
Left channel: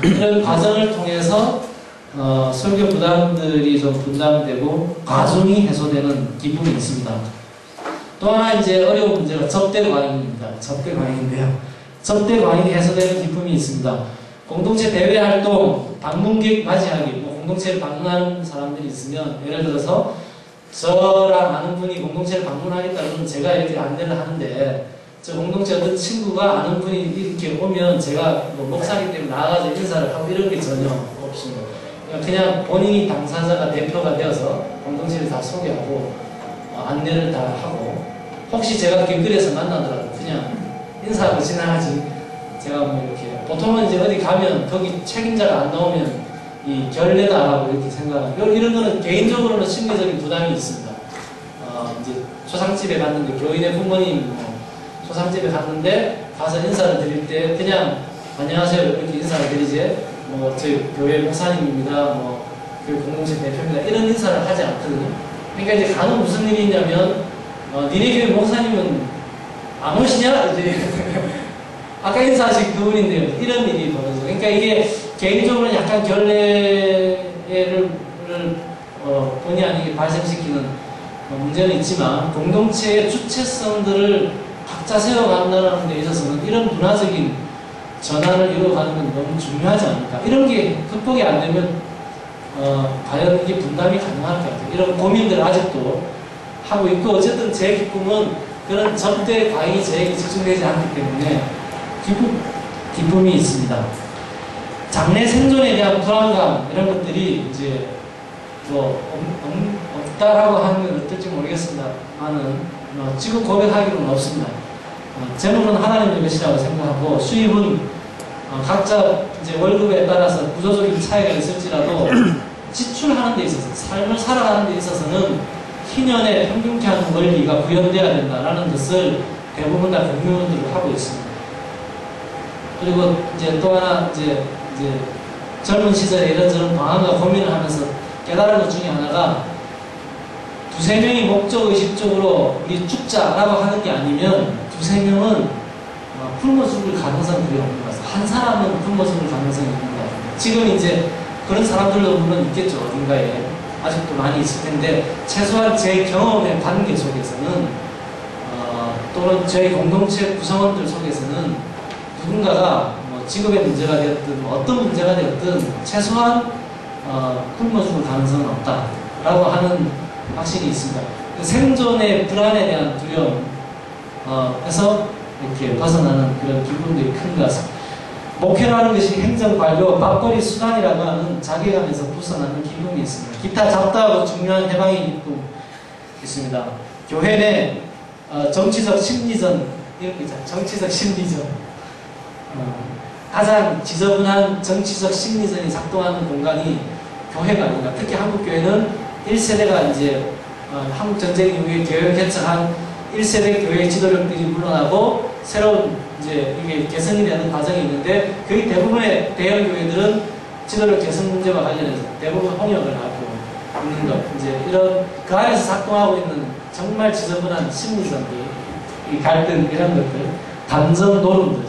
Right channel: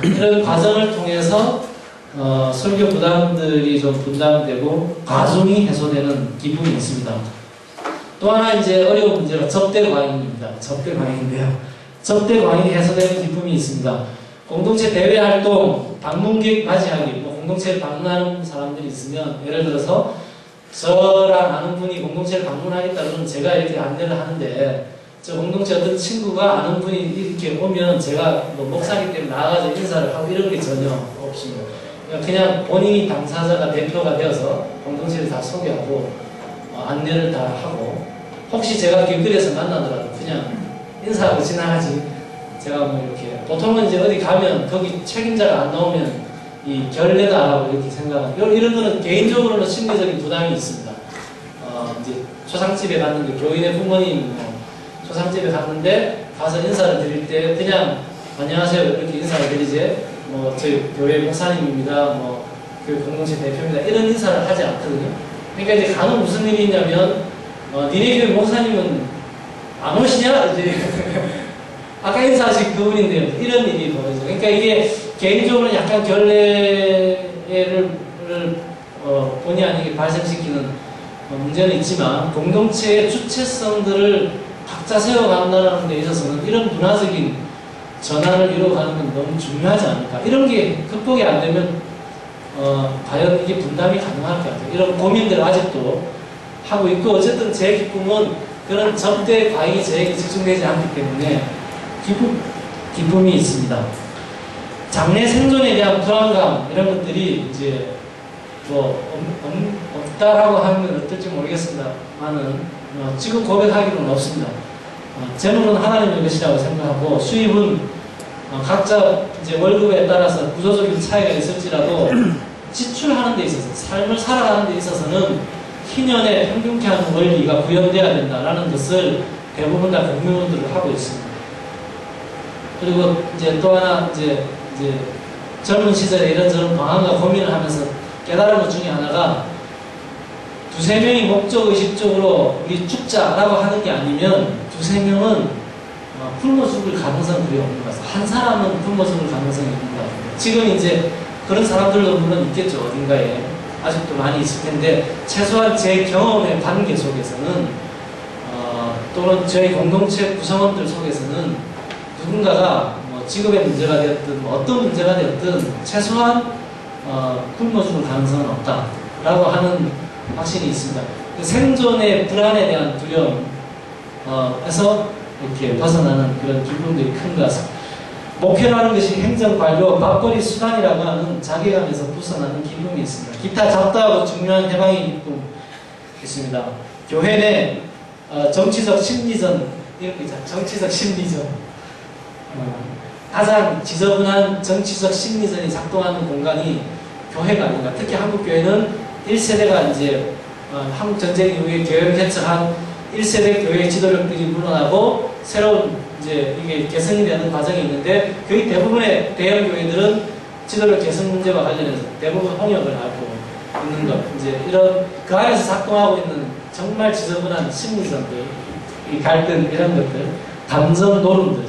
이런 과정을 통해서 설교 부담들이 좀 분담되고 과중이 해소되는 기쁨이 있습니다. 또 하나 이제 어려운 문제가 접대 과잉입니다. 접대 과잉인데요. 접대 과잉이 해소되는 기쁨이 있습니다. 공동체 대외 활동, 방문객 맞이하기, 뭐 공동체를 방문하는 사람들이 있으면 예를 들어서 저랑 아는 분이 공동체를 방문하겠다 그러면 제가 이렇게 안내를 하는데 저 공동체 어떤 친구가 아는 분이 이렇게 오면 제가 뭐 목사기 때문에 나가서 인사를 하고 이런 게 전혀 없습니다. 그냥 본인이 당사자가 대표가 되어서 공동체를 다 소개하고 안내를 다 하고 혹시 제가 길거리에서 만나더라도 그냥 인사하고 지나가지 제가 뭐 이렇게 보통은 이제 어디 가면 거기 책임자가 안 나오면 이 결례도 안 하고 이렇게 생각하는 이런 거는 개인적으로는 심리적인 부담이 있습니다. 이제 초상집에 갔는데 교인의 부모님 뭐 초상집에 갔는데 가서 인사를 드릴 때 그냥 안녕하세요 이렇게 인사를 드리지 뭐 저희 교회 목사님입니다 뭐 교회 공동체 대표입니다 이런 인사를 하지 않거든요. 그러니까 이제 간혹 무슨 일이 있냐면 니네 교회 목사님은 안 오시냐? 이제 아까 인사하신 그분인데요. 이런 일이 벌어져요. 그러니까 이게 개인적으로 약간 결례를 본의 아니게 발생시키는 문제는 있지만 공동체의 주체성들을 각자 세워간다는 데 있어서는 이런 문화적인 전환을 이루어가는 건 너무 중요하지 않을까. 이런 게 극복이 안 되면 과연 이게 분담이 가능할 것 같아요. 이런 고민들을 아직도 하고 있고 어쨌든 제 기쁨은 그런 접대 과잉이 저에게 집중되지 않기 때문에 기쁨이 있습니다. 장래 생존에 대한 불안감 이런 것들이 이제 뭐 없다라고 하면 어떨지 모르겠습니다만은 지금 고백하기로는 없습니다. 재물은 하나님의 것이라고 생각하고 수입은 각자 이제 월급에 따라서 구조적인 차이가 있을지라도 지출하는 데 있어서 삶을 살아가는 데 있어서는 희년에 평균케 하는 원리가 구현되어야 된다라는 것을 대부분 다 공유들을 하고 있습니다. 그리고 이제 또 하나 이제 젊은 시절에 이런저런 방황과 고민을 하면서 깨달은 것 중에 하나가 두세 명이 목적의식적으로 우리 죽자라고 하는 게 아니면 두세 명은 굶어 죽을 가능성이 거의 없는 것 같아요. 한 사람은 굶어 죽을 가능성이 있는 것 같아요. 지금 이제 그런 사람들도 물론 있겠죠. 어딘가에 아직도 많이 있을 텐데 최소한 제 경험의 관계 속에서는 또는 저희 공동체 구성원들 속에서는 누군가가 뭐 직업의 문제가 되었든 어떤 문제가 되었든 최소한 굶어 죽을 가능성은 없다라고 하는 확신이 있습니다. 생존의 불안에 대한 두려움에서 이렇게 벗어나는 그런 기분들이 큰 것 같습니다. 목회라는 것이 행정관료, 밥벌이 수단이라고 하는 자괴감에서 벗어나는 기쁨이 있습니다. 기타 작다하고 중요한 해방의 기쁨이 있습니다. 교회 내 정치적 심리전 이런 거 있잖아요. 정치적 심리전 가장 지저분한 정치적 심리전이 작동하는 공간이 교회가 아닌가. 특히 한국 교회는 1세대가 이제 한국 전쟁 이후에 교회를 개척한 1세대 교회 지도력들이 물러나고 새로운 이제 이게 개성이 되는 과정이 있는데 거의 대부분의 대형 교회들은 지도력 개성 문제와 관련해서 대부분 홍역을 하고 있는 것. 이제 이런 그 안에서 작동하고 있는 정말 지저분한 심리전들, 이 갈등 이런 것들, 감정 노름들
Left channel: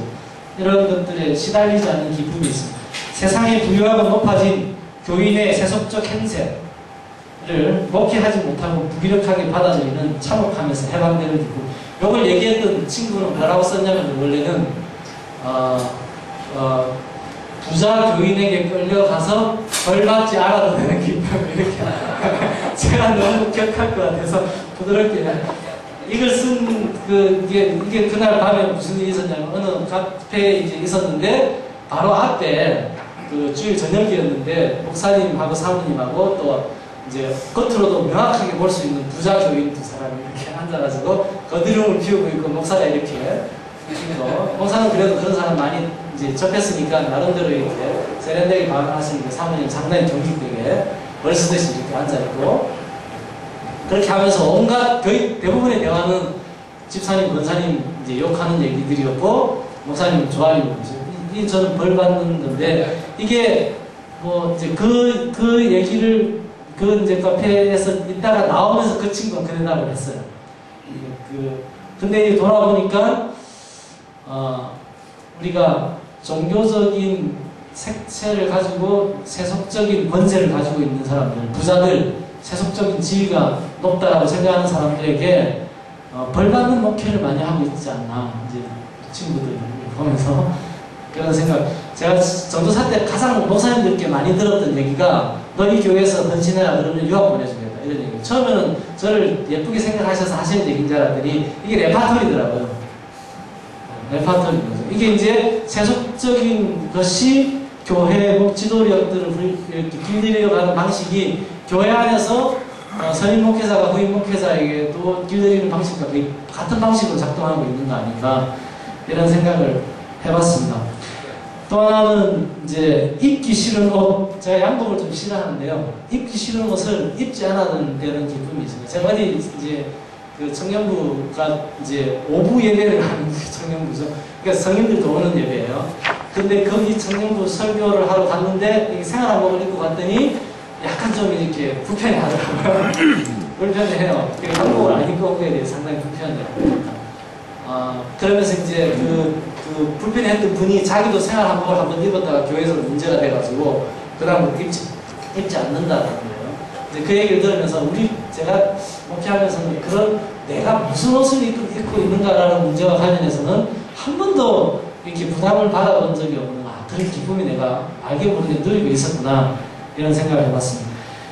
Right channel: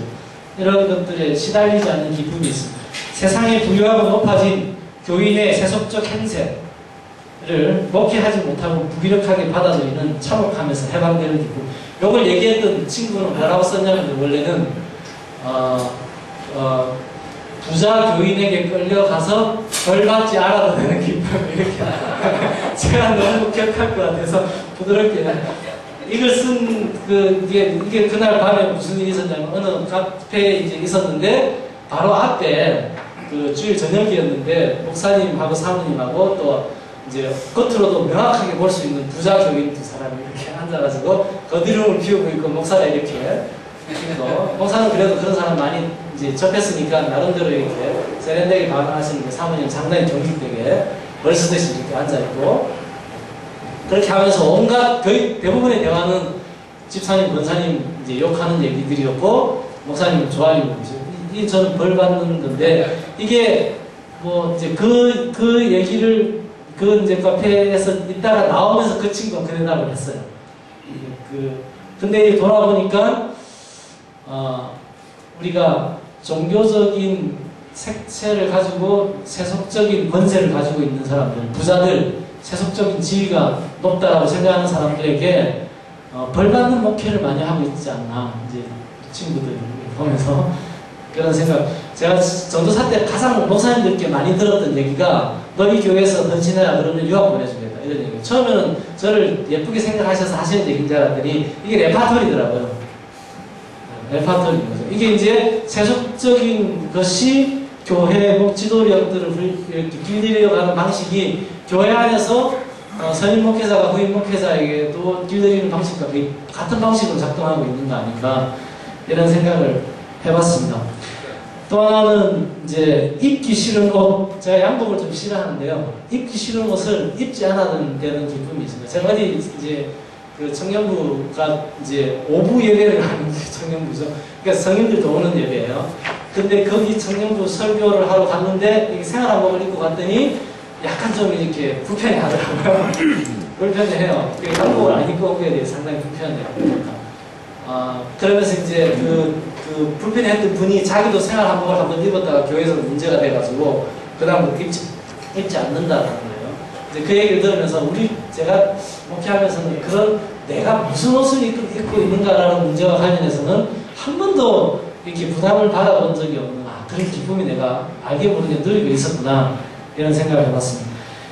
이런 것들에 시달리지 않는 기쁨이 있습니다. 세상에 부유하고 높아진 교인의 세속적 행세를 목회하지 못하고 무기력하게 받아들이는 참혹하면서 해방되는 기쁨. 이걸 얘기했던 친구는 뭐라고 썼냐면 원래는 부자 교인에게 끌려가서 벌 받지 않아도 되는 기쁨 이렇게 제가 너무 기억할 것 같아서 부드럽게 이걸 쓴 이게 그날 밤에 무슨 일이 있었냐면 어느 카페에 이제 있었는데 바로 앞에 그 주일 저녁이었는데 목사님하고 사모님하고 또 이제 겉으로도 명확하게 볼 수 있는 부자 교인 두 사람이 이렇게 앉아가지고 거드름을 피우고 있고 목사가 이렇게 계시고 목사는 그래도 그런 사람 많이 이제 접했으니까 나름대로 이렇게 세련되게 반응하시는데 사모님 상당히 경직되게 벌쓰듯이 이렇게 앉아있고 그렇게 하면서 온갖 거의 대부분의 대화는 집사님, 권사님 이제 욕하는 얘기들이었고 목사님 좋아하는 거죠. 이게 저는 벌 받는 건데 이게 뭐 이제 그 얘기를 그 이제 카페에서 있다가 나오면서 그 친구가 그 대답을 했어요. 근데 이제 돌아보니까 우리가 종교적인 색채를 가지고 세속적인 권세를 가지고 있는 사람들, 부자들, 세속적인 지위가 높다라고 생각하는 사람들에게 벌받는 목회를 많이 하고 있지 않나 이제 친구들 보면서 그런 생각. 제가 전도사 때 가장 목사님들께 많이 들었던 얘기가 너 이 교회에서 헌신해라 그러면 유학 보내주겠다 이런 얘기. 처음에는 저를 예쁘게 생각하셔서 하시는 얘기인 줄 알았더니 이게 레파토리더라고요. 레파토리인 거죠. 이게 이제 세속적인 것이 교회 지도력들을 이렇게 길들여가는 방식이 교회 안에서 선임 목회자가 후임 목회자에게도 길들이는 방식과 거의 같은 방식으로 작동하고 있는 거 아닌가 이런 생각을 해봤습니다. 또 하나는 이제 입기 싫은 옷, 제가 양복을 좀 싫어하는데요. 입기 싫은 옷을 입지 않아도 되는 기쁨이 있습니다. 제가 어디 이제 그 청년부가 이제 오부 예배를 하는 청년부죠. 그러니까 성인들도 오는 예배예요. 근데 거기 청년부 설교를 하러 갔는데 생활한복을 입고 갔더니 약간 좀 이렇게 불편해 하더라고요. 불편해요. 양복을 안 입고 오게 돼서 상당히 불편해요. 그러면서 이제 그 불편했던 분이 자기도 생활한복을 한번 입었다가 교회에서 문제가 돼가지고 그 다음부터 입지 않는다라는 거예요. 이제 그 얘기를 들으면서 제가 목회하면서는 그런 내가 무슨 옷을 입고 있는가라는 문제와 관련해서는 한 번도 이렇게 부담을 받아본 적이 없는 그런 기쁨이 내가 알게 모르게 누리고 있었구나 이런 생각을 해봤습니다.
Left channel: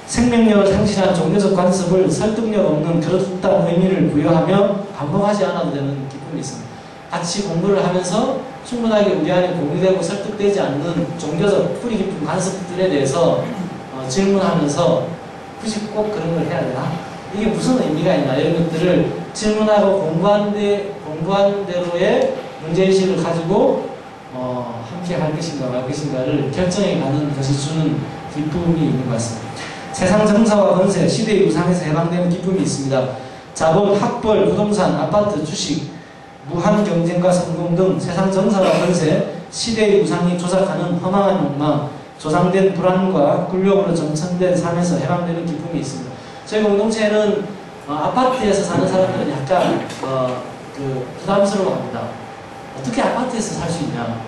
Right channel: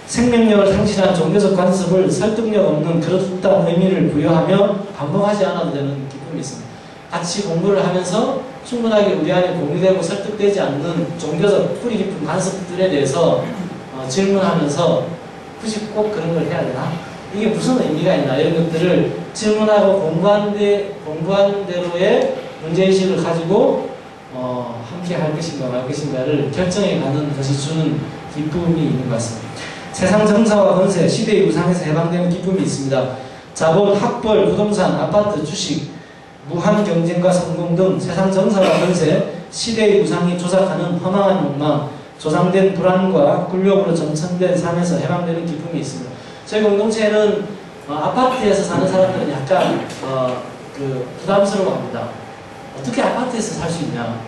생명력을 상실한 종교적 관습을 설득력 없는 그렇다는 의미를 부여하며 반복하지 않아도 되는 기쁨이 있습니다. 같이 공부를 하면서 충분하게 우리 안에 공유되고 설득되지 않는 종교적 뿌리 깊은 관습들에 대해서 질문하면서 굳이 꼭 그런 걸 해야 되나? 이게 무슨 의미가 있나? 이런 것들을 질문하고 공부한 대로의 문제의식을 가지고 함께 할 것인가 말 것인가를 결정해 가는 것이 주는 기쁨이 있는 것 같습니다. 세상 정사와 권세, 시대의 우상에서 해방되는 기쁨이 있습니다. 자본, 학벌, 부동산, 아파트, 주식, 무한 경쟁과 성공 등 세상 정사와 권세, 시대의 우상이 조작하는 허망한 욕망, 조상된 불안과 굴욕으로 점천된 삶에서 해방되는 기쁨이 있습니다. 저희 공동체는 아파트에서 사는 사람들은 약간 부담스러워합니다. 어떻게 아파트에서 살 수 있냐?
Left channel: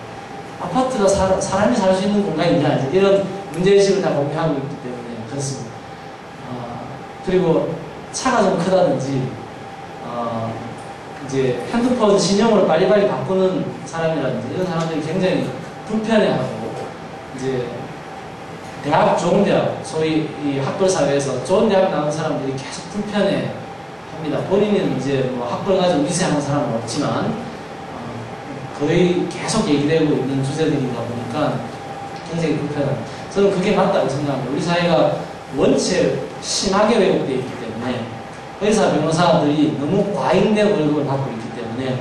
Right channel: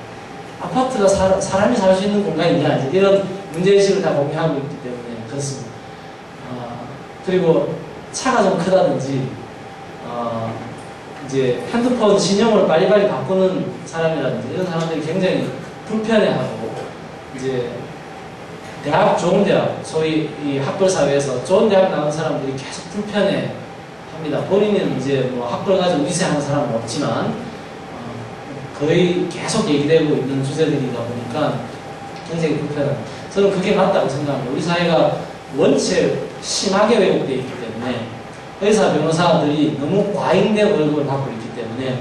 아파트가 사람이 살 수 있는 공간이냐? 이런 문제의식을 다 공유하고 있기 때문에 그렇습니다. 그리고 차가 좀 크다든지 이제 핸드폰 신형으로 빨리빨리 바꾸는 사람이라든지 이런 사람들이 굉장히 불편해하고 이제 좋은 대학, 소위 이 학벌 사회에서 좋은 대학 나온 사람들이 계속 불편해합니다. 본인은 이제 뭐 학벌 가지고 미세한 사람은 없지만 거의 계속 얘기되고 있는 주제들이다 보니까 굉장히 불편합니다. 저는 그게 맞다고 생각합니다. 우리 사회가 원체 심하게 왜곡되어 있기 때문에 의사, 변호사들이 너무 과잉된 월급을 받고 있기 때문에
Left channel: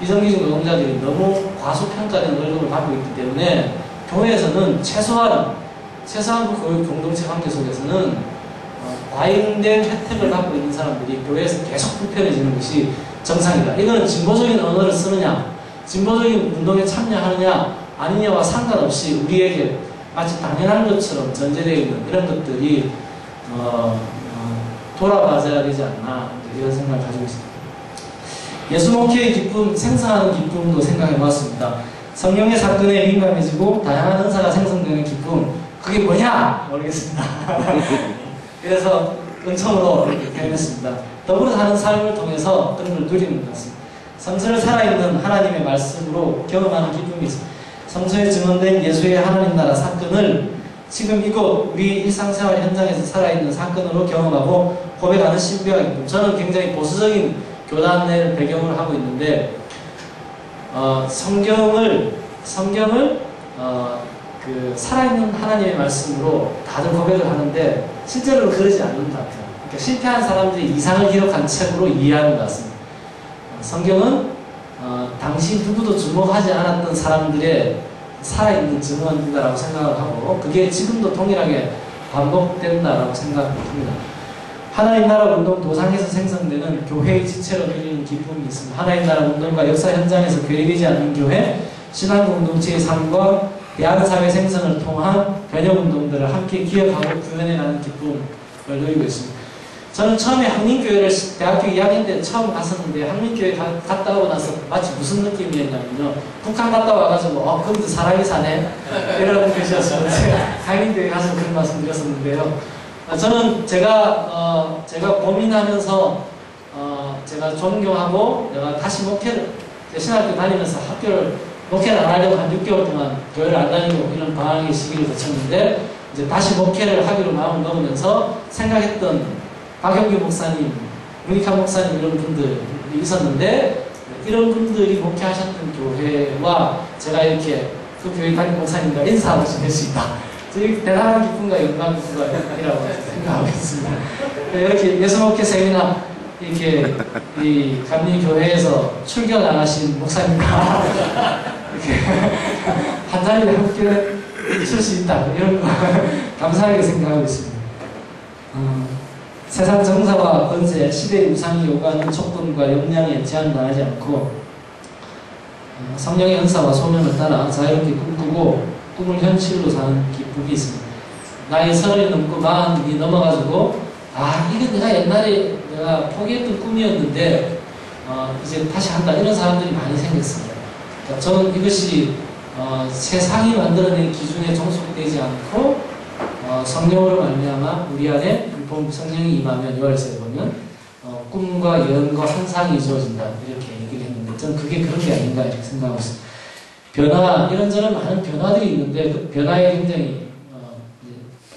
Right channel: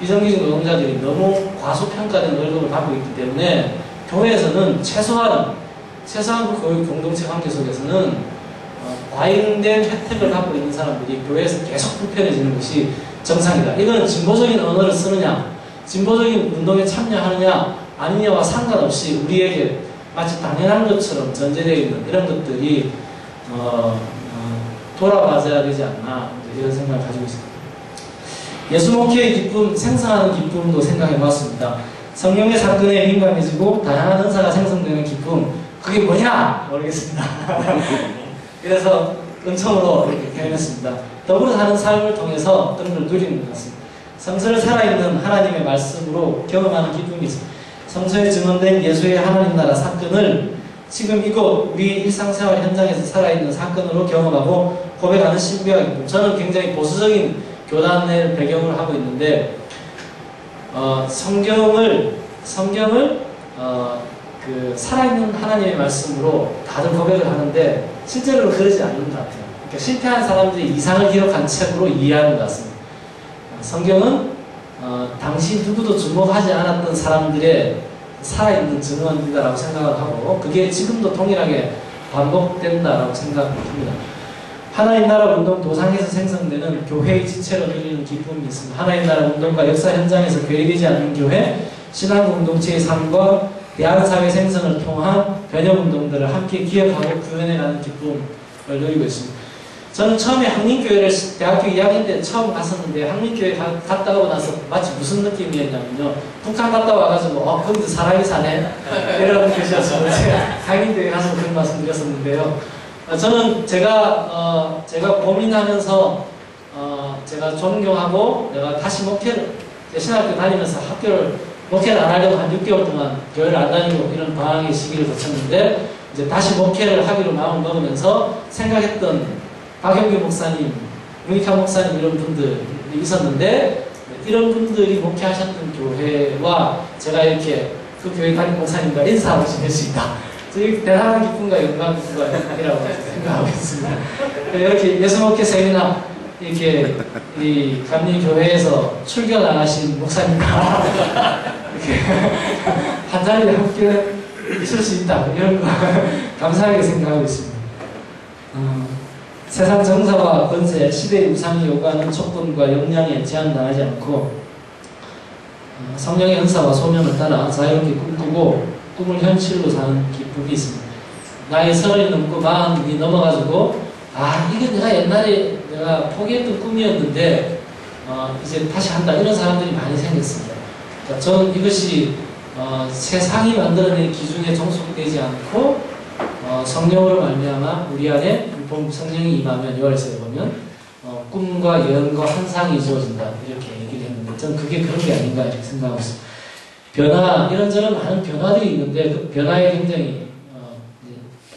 비정규직 노동자들이 너무 과소평가된 월급을 받고 있기 때문에 교회에서는 최소한 그 교육 공동체 관계 속에서는 과잉된 혜택을 받고 있는 사람들이 교회에서 계속 불편해지는 것이 정상이다. 이거는 진보적인 언어를 쓰느냐 진보적인 운동에 참여하느냐 아니냐와 상관없이 우리에게 마치 당연한 것처럼 전제되어 있는 이런 것들이 돌아봐줘야 되지 않나 이런 생각을 가지고 있습니다. 예수 목회의 기쁨, 생성하는 기쁨도 생각해 보았습니다. 성령의 사건에 민감해지고 다양한 은사가 생성되는 기쁨, 그게 뭐냐? 모르겠습니다. 그래서 은총으로 이렇게 표현했습니다. 더불어 사는 삶을 통해서 그런 걸 누리는 것 같습니다. 성서를 살아있는 하나님의 말씀으로 경험하는 기쁨이 있습니다. 성서에 증언된 예수의 하나님 나라 사건을 지금 이곳 우리 일상생활 현장에서 살아있는 사건으로 경험하고 고백하는 신비와 기쁨. 저는 굉장히 보수적인 교단의 배경을 하고 있는데 성경을 그 살아있는 하나님의 말씀으로 다들 고백을 하는데 실제로 그러지 않는 것 같아요. 그러니까 실패한 사람들이 이상을 기록한 책으로 이해하는 것 같습니다. 성경은 당시 누구도 주목하지 않았던 사람들의 살아있는 증언이다라고 생각을 하고 그게 지금도 동일하게 반복된다라고 생각합니다. 하나님 나라 운동 도상에서 생성되는 교회의 지체로 누리는 기쁨이 있습니다. 하나님 나라 운동과 역사 현장에서 괴리되지 않는 교회, 신앙 공동체의 삶과 대한사회 생성을 통한 변혁운동들을 함께 기억하고 구현해가는 기쁨을 누리고 있습니다. 저는 처음에 한민교회를 대학교 2학년 때 처음 갔었는데 한민교회 갔다 오고 나서 마치 무슨 느낌이었냐면요. 북한 갔다 와가지고 거기도 사람이 사네? 이런 뜻이었어요. 제가 한민교회 가서 그런 말씀 드렸었는데요. 저는 제가 고민하면서 제가 존경하고 내가 다시 목회를 신학교 다니면서 목회를 안 하려고 한 6개월 동안 교회를 안 다니고 이런 방황의 시기를 거쳤는데 이제 다시 목회를 하기로 마음을 먹으면서 생각했던 박영규 목사님, 윤익환 목사님 이런 분들이 있었는데 이런 분들이 목회하셨던 교회와 제가 이렇게 그 교회 담임 목사님과 인사하고 지낼 수 있다. 대단한 기쁨과 영광이라고 생각하고 있습니다. 이렇게 예수목회 세미나 이렇게 이 감리교회에서 출교 나가신 목사님과 이렇게 한 자리에 함께 있을 수 있다. 이런 거 감사하게 생각하고 있습니다. 세상 정사와 권세, 시대의 우상이 요구하는 조건과 역량에 제한당하지 않고 성령의 은사와 소명을 따라 자유롭게 꿈꾸고 꿈을 현실로 사는 기쁨이 있습니다. 나이 30이 넘고 40이 넘어가지고 이게 내가 옛날에 내가 포기했던 꿈이었는데 이제 다시 한다 이런 사람들이 많이 생겼습니다. 그러니까 저는 이것이 세상이 만들어낸 기준에 종속되지 않고 성령으로 말미암아 우리 안에 성령이 임하면 요한일서에 보면 꿈과 예언과 환상이 주어진다 이렇게 얘기를 했는데 저는 그게 그런 게 아닌가 이렇게 생각하고 있습니다. 변화 이런저런 많은 변화들이 있는데 그 변화에 굉장히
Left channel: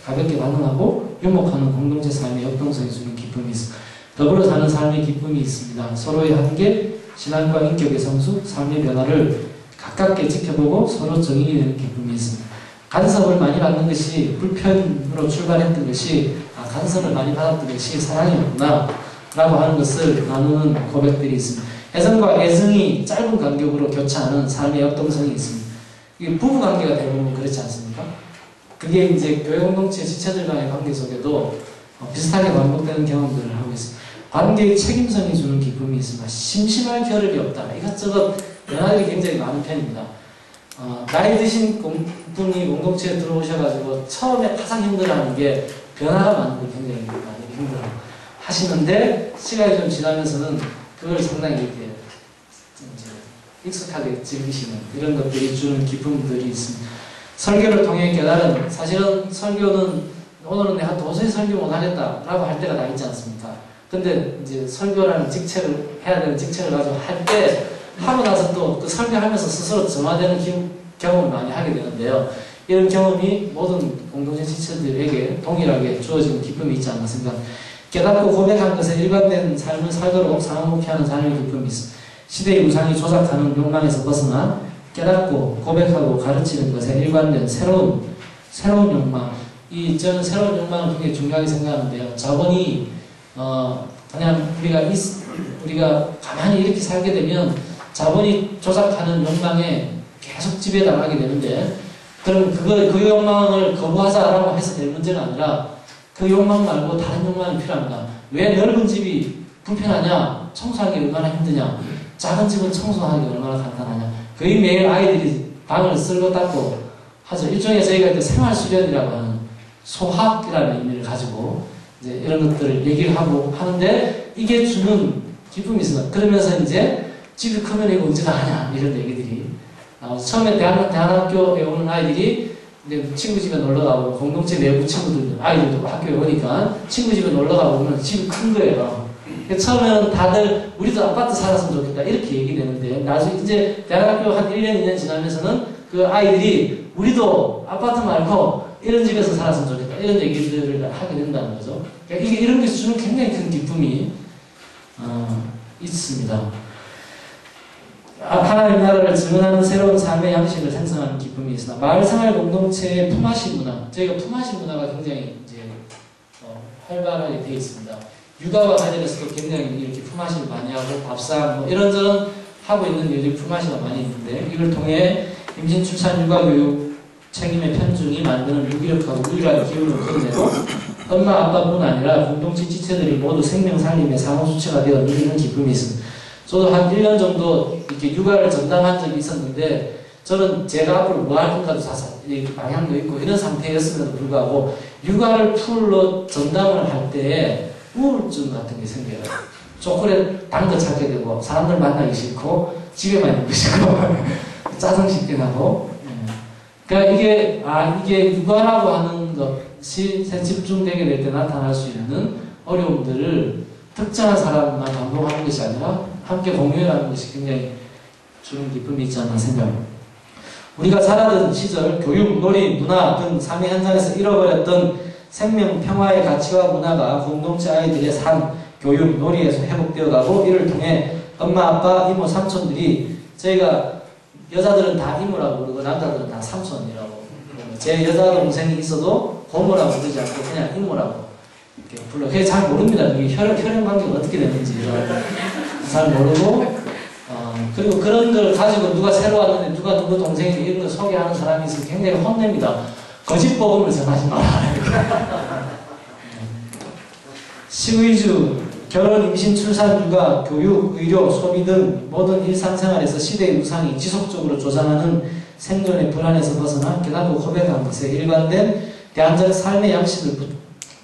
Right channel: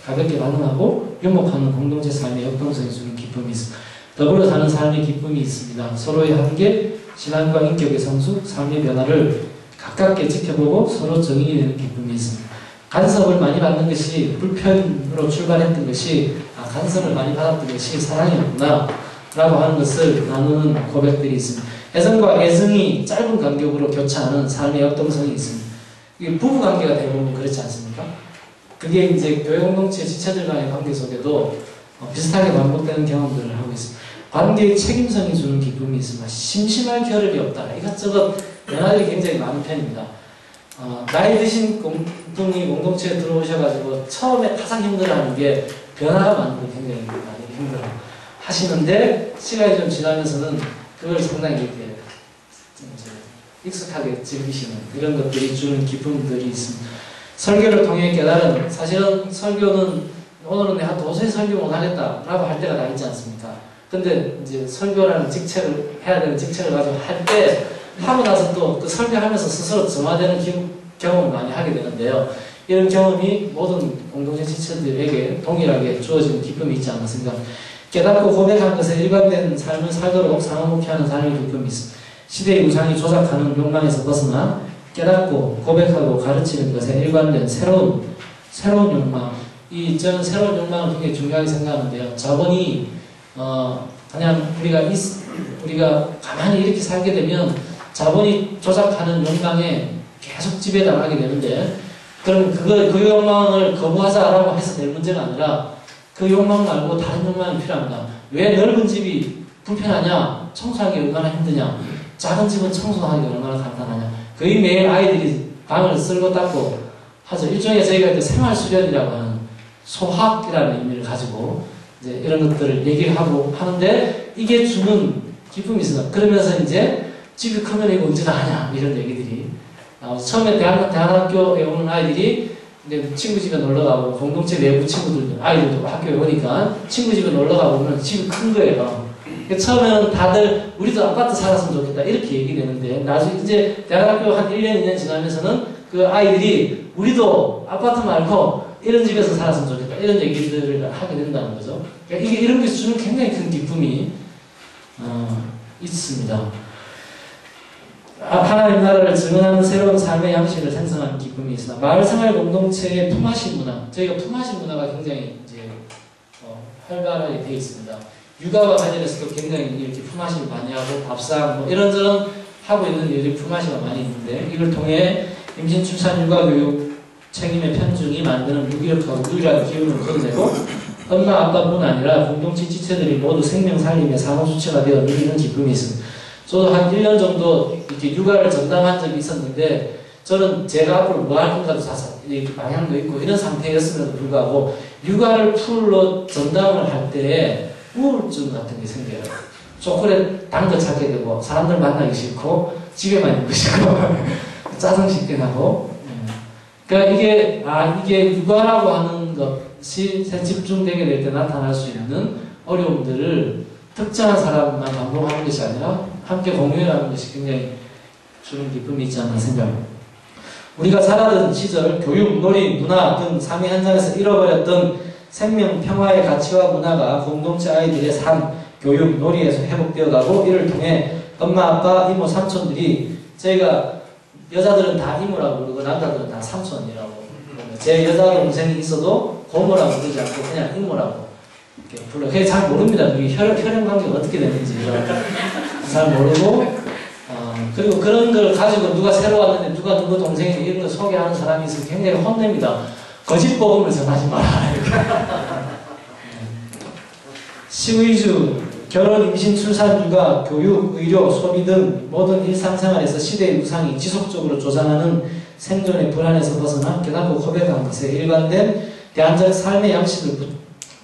가볍게 반응하고 유목하는 공동체 삶의 역동성이 주는 기쁨이 있습니다. 더불어 사는 삶의 기쁨이 있습니다. 서로의 한계, 신앙과 인격의 성숙, 삶의 변화를 가깝게 지켜보고 서로 정인이 되는 기쁨이 있습니다. 간섭을 많이 받는 것이 불편으로 출발했던 것이 간섭을 많이 받았던 것이 사랑이었구나 라고 하는 것을 나누는 고백들이 있습니다. 애정과 애증이 짧은 간격으로 교차하는 삶의 역동성이 있습니다. 이게 부부관계가 대부분 그렇지 않습니까? 그게 이제 교회 공동체 지체들 간의 관계 속에도 비슷하게 반복되는 경험들을 하고 있습니다. 관계의 책임성이 주는 기쁨이 있습니다. 심심할 겨를이 없다. 이것저것 변화들이 굉장히 많은 편입니다. 나이 드신 분이 공동체에 들어오셔가지고 처음에 가장 힘들어하는 게 변화가 많은 걸 굉장히 많이 힘들어 하시는데 시간이 좀 지나면서는 그걸 상당히 이렇게 이제 익숙하게 즐기시는 이런 것들이 주는 기쁨들이 있습니다. 설교를 통해 깨달은 사실은 설교는 오늘은 내가 도저히 설교 못하겠다라고 할 때가 다 있지 않습니까? 근데 이제 설교라는 직책을 해야 되는 직책을 가지고 할 때 하고 나서 또 그 설교하면서 스스로 점화되는 경험을 많이 하게 되는데요. 이런 경험이 모든 공동체 지체들에게 동일하게 주어지는 기쁨이 있지 않나 생각합니다. 깨닫고 고백한 것에 일관된 삶을 살도록 상호목회하는 삶의 기쁨이 있습니다. 시대의 우상이 조작하는 욕망에서 벗어나 깨닫고 고백하고 가르치는 것에 일관된 새로운 욕망. 저는 새로운 욕망을 굉장히 중요하게 생각하는데요. 자본이 그냥 우리가 가만히 이렇게 살게 되면 자본이 조작하는 욕망에 계속 지배당하게 되는데 그럼 그 욕망을 거부하자라고 해서 될 문제가 아니라 그 욕망 말고 다른 욕망이 필요합니다. 왜 넓은 집이 불편하냐? 청소하기 얼마나 힘드냐? 작은 집은 청소하기 얼마나 간단하냐? 거의 매일 아이들이 방을 쓸고 닦고 하죠. 일종의 저희가 이제 생활수련이라고 하는 소학이라는 의미를 가지고 이제 이런 것들을 얘기를 하고 하는데 이게 주는 기쁨이 있습니다. 그러면서 이제 집이 크면 이거 언제 다 하냐? 이런 얘기들이 처음에 대학교에 오는 아이들이 이제 친구 집에 놀러 가고 공동체 내부 친구들 아이들도 학교에 오니까 친구 집에 놀러 가보면 집이 큰 거예요. 처음에는 다들 우리도 아파트 살았으면 좋겠다 이렇게 얘기되는데 나중에 이제 대학교 한 1년 2년 지나면서는 그 아이들이 우리도 아파트 말고 이런 집에서 살았으면 좋겠다 이런 얘기들을 하게 된다는 거죠. 그러니까 이런 게 주는 굉장히 큰 기쁨이 있습니다. 하나님 나라를 증언하는 새로운 삶의 양식을 생성하는 기쁨이 있으나 마을생활 공동체의 품앗이 문화, 저희가 품앗이 문화가 굉장히 이제 활발하게 되어 있습니다. 육아와 관련해서도 굉장히 이렇게 품앗이를 많이 하고 밥상 뭐 이런저런 하고 있는 일들이 품앗이가 많이 있는데 이걸 통해 임신, 출산, 육아, 교육 책임의 편중이 만드는 유기력하고 유일한 기운을 끌어내고 엄마, 아빠뿐 아니라 공동체 지체들이 모두 생명 살림의 상호주체가 되어 누리는 기쁨이 있습니다. 저도 한 1년 정도 이렇게 육아를 전담한 적이 있었는데 저는 제가 앞으로 뭐 할 건가도 다 방향도 있고 이런 상태였음에도 불구하고 육아를 풀로 전담을 할 때에 우울증 같은 게 생겨요. 초콜릿 단 거 찾게 되고 사람들 만나기 싫고 집에만 있고 싶고 짜증 씻게 나고 그러니까 이게 육아라고 하는 것이 집중되게 될 때 나타날 수 있는 어려움들을 특정한 사람만 반복하는 것이 아니라 함께 공유하는 것이 굉장히 주는 기쁨이 있지 않나 생각합니다. 우리가 살아던 시절 교육, 놀이, 문화 등 삶의 현장에서 잃어버렸던 생명, 평화의 가치와 문화가 공동체 아이들의 삶, 교육, 놀이에서 회복되어가고 이를 통해 엄마, 아빠, 이모, 삼촌들이 저희가 여자들은 다 이모라고 부르고 남자들은 다 삼촌이라고 부르고 제 여자 동생이 있어도 고모라고 부르지 않고 그냥 이모라고 이렇게 불러. 그게 잘 모릅니다. 이게 혈연 관계가 어떻게 되는지 잘 모르고 그리고 그런 걸 가지고 누가 새로 왔는데 누가 누구 동생인데 이런 걸 소개하는 사람이 있으면 굉장히 혼냅니다. 거짓 복음을 전하지 마라. 시위주, 결혼, 임신, 출산, 육아, 교육, 의료, 소비 등 모든 일상생활에서 시대의 우상이 지속적으로 조장하는 생존의 불안에서 벗어나 깨닫고 고백한 것에 일관된 대안적 삶의 양식을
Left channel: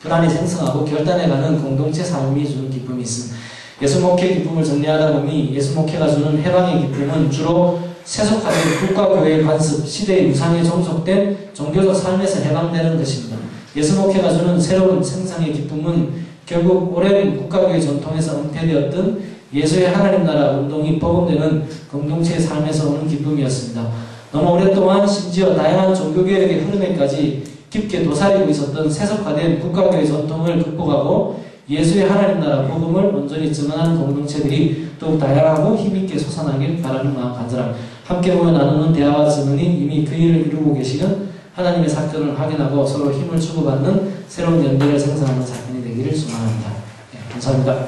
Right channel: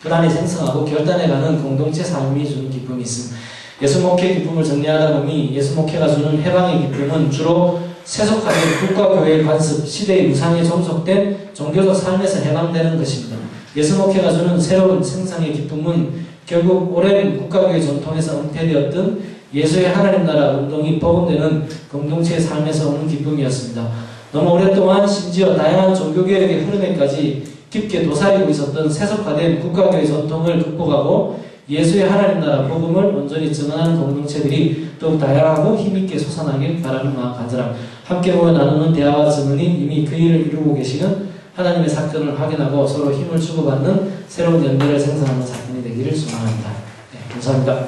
불안히 생성하고 결단해가는 공동체 삶이 주는 기쁨이 있습니다. 예수 목회 기쁨을 정리하다 보니 예수 목회가 주는 해방의 기쁨은 주로 세속화된 국가교회의 관습, 시대의 우상에 종속된 종교적 삶에서 해방되는 것입니다. 예수 목회가 주는 새로운 생상의 기쁨은 결국 오랜 국가교회 전통에서 은폐되었던 예수의 하나님 나라 운동이 복음되는 공동체의 삶에서 오는 기쁨이었습니다. 너무 오랫동안 심지어 다양한 종교개혁의 흐름에까지 깊게 도사리고 있었던 세속화된 국가교회 전통을 극복하고 예수의 하나님 나라 복음을 온전히 증언하는 공동체들이 더욱 다양하고 힘있게 솟아나길 바라는 마음 간절함. 함께 모여 나누는 대화와 증언이 이미 그 일을 이루고 계시는 하나님의 사건을 확인하고 서로 힘을 주고받는 새로운 연대를 생산하는 사건이 되기를 소망합니다. 네, 감사합니다.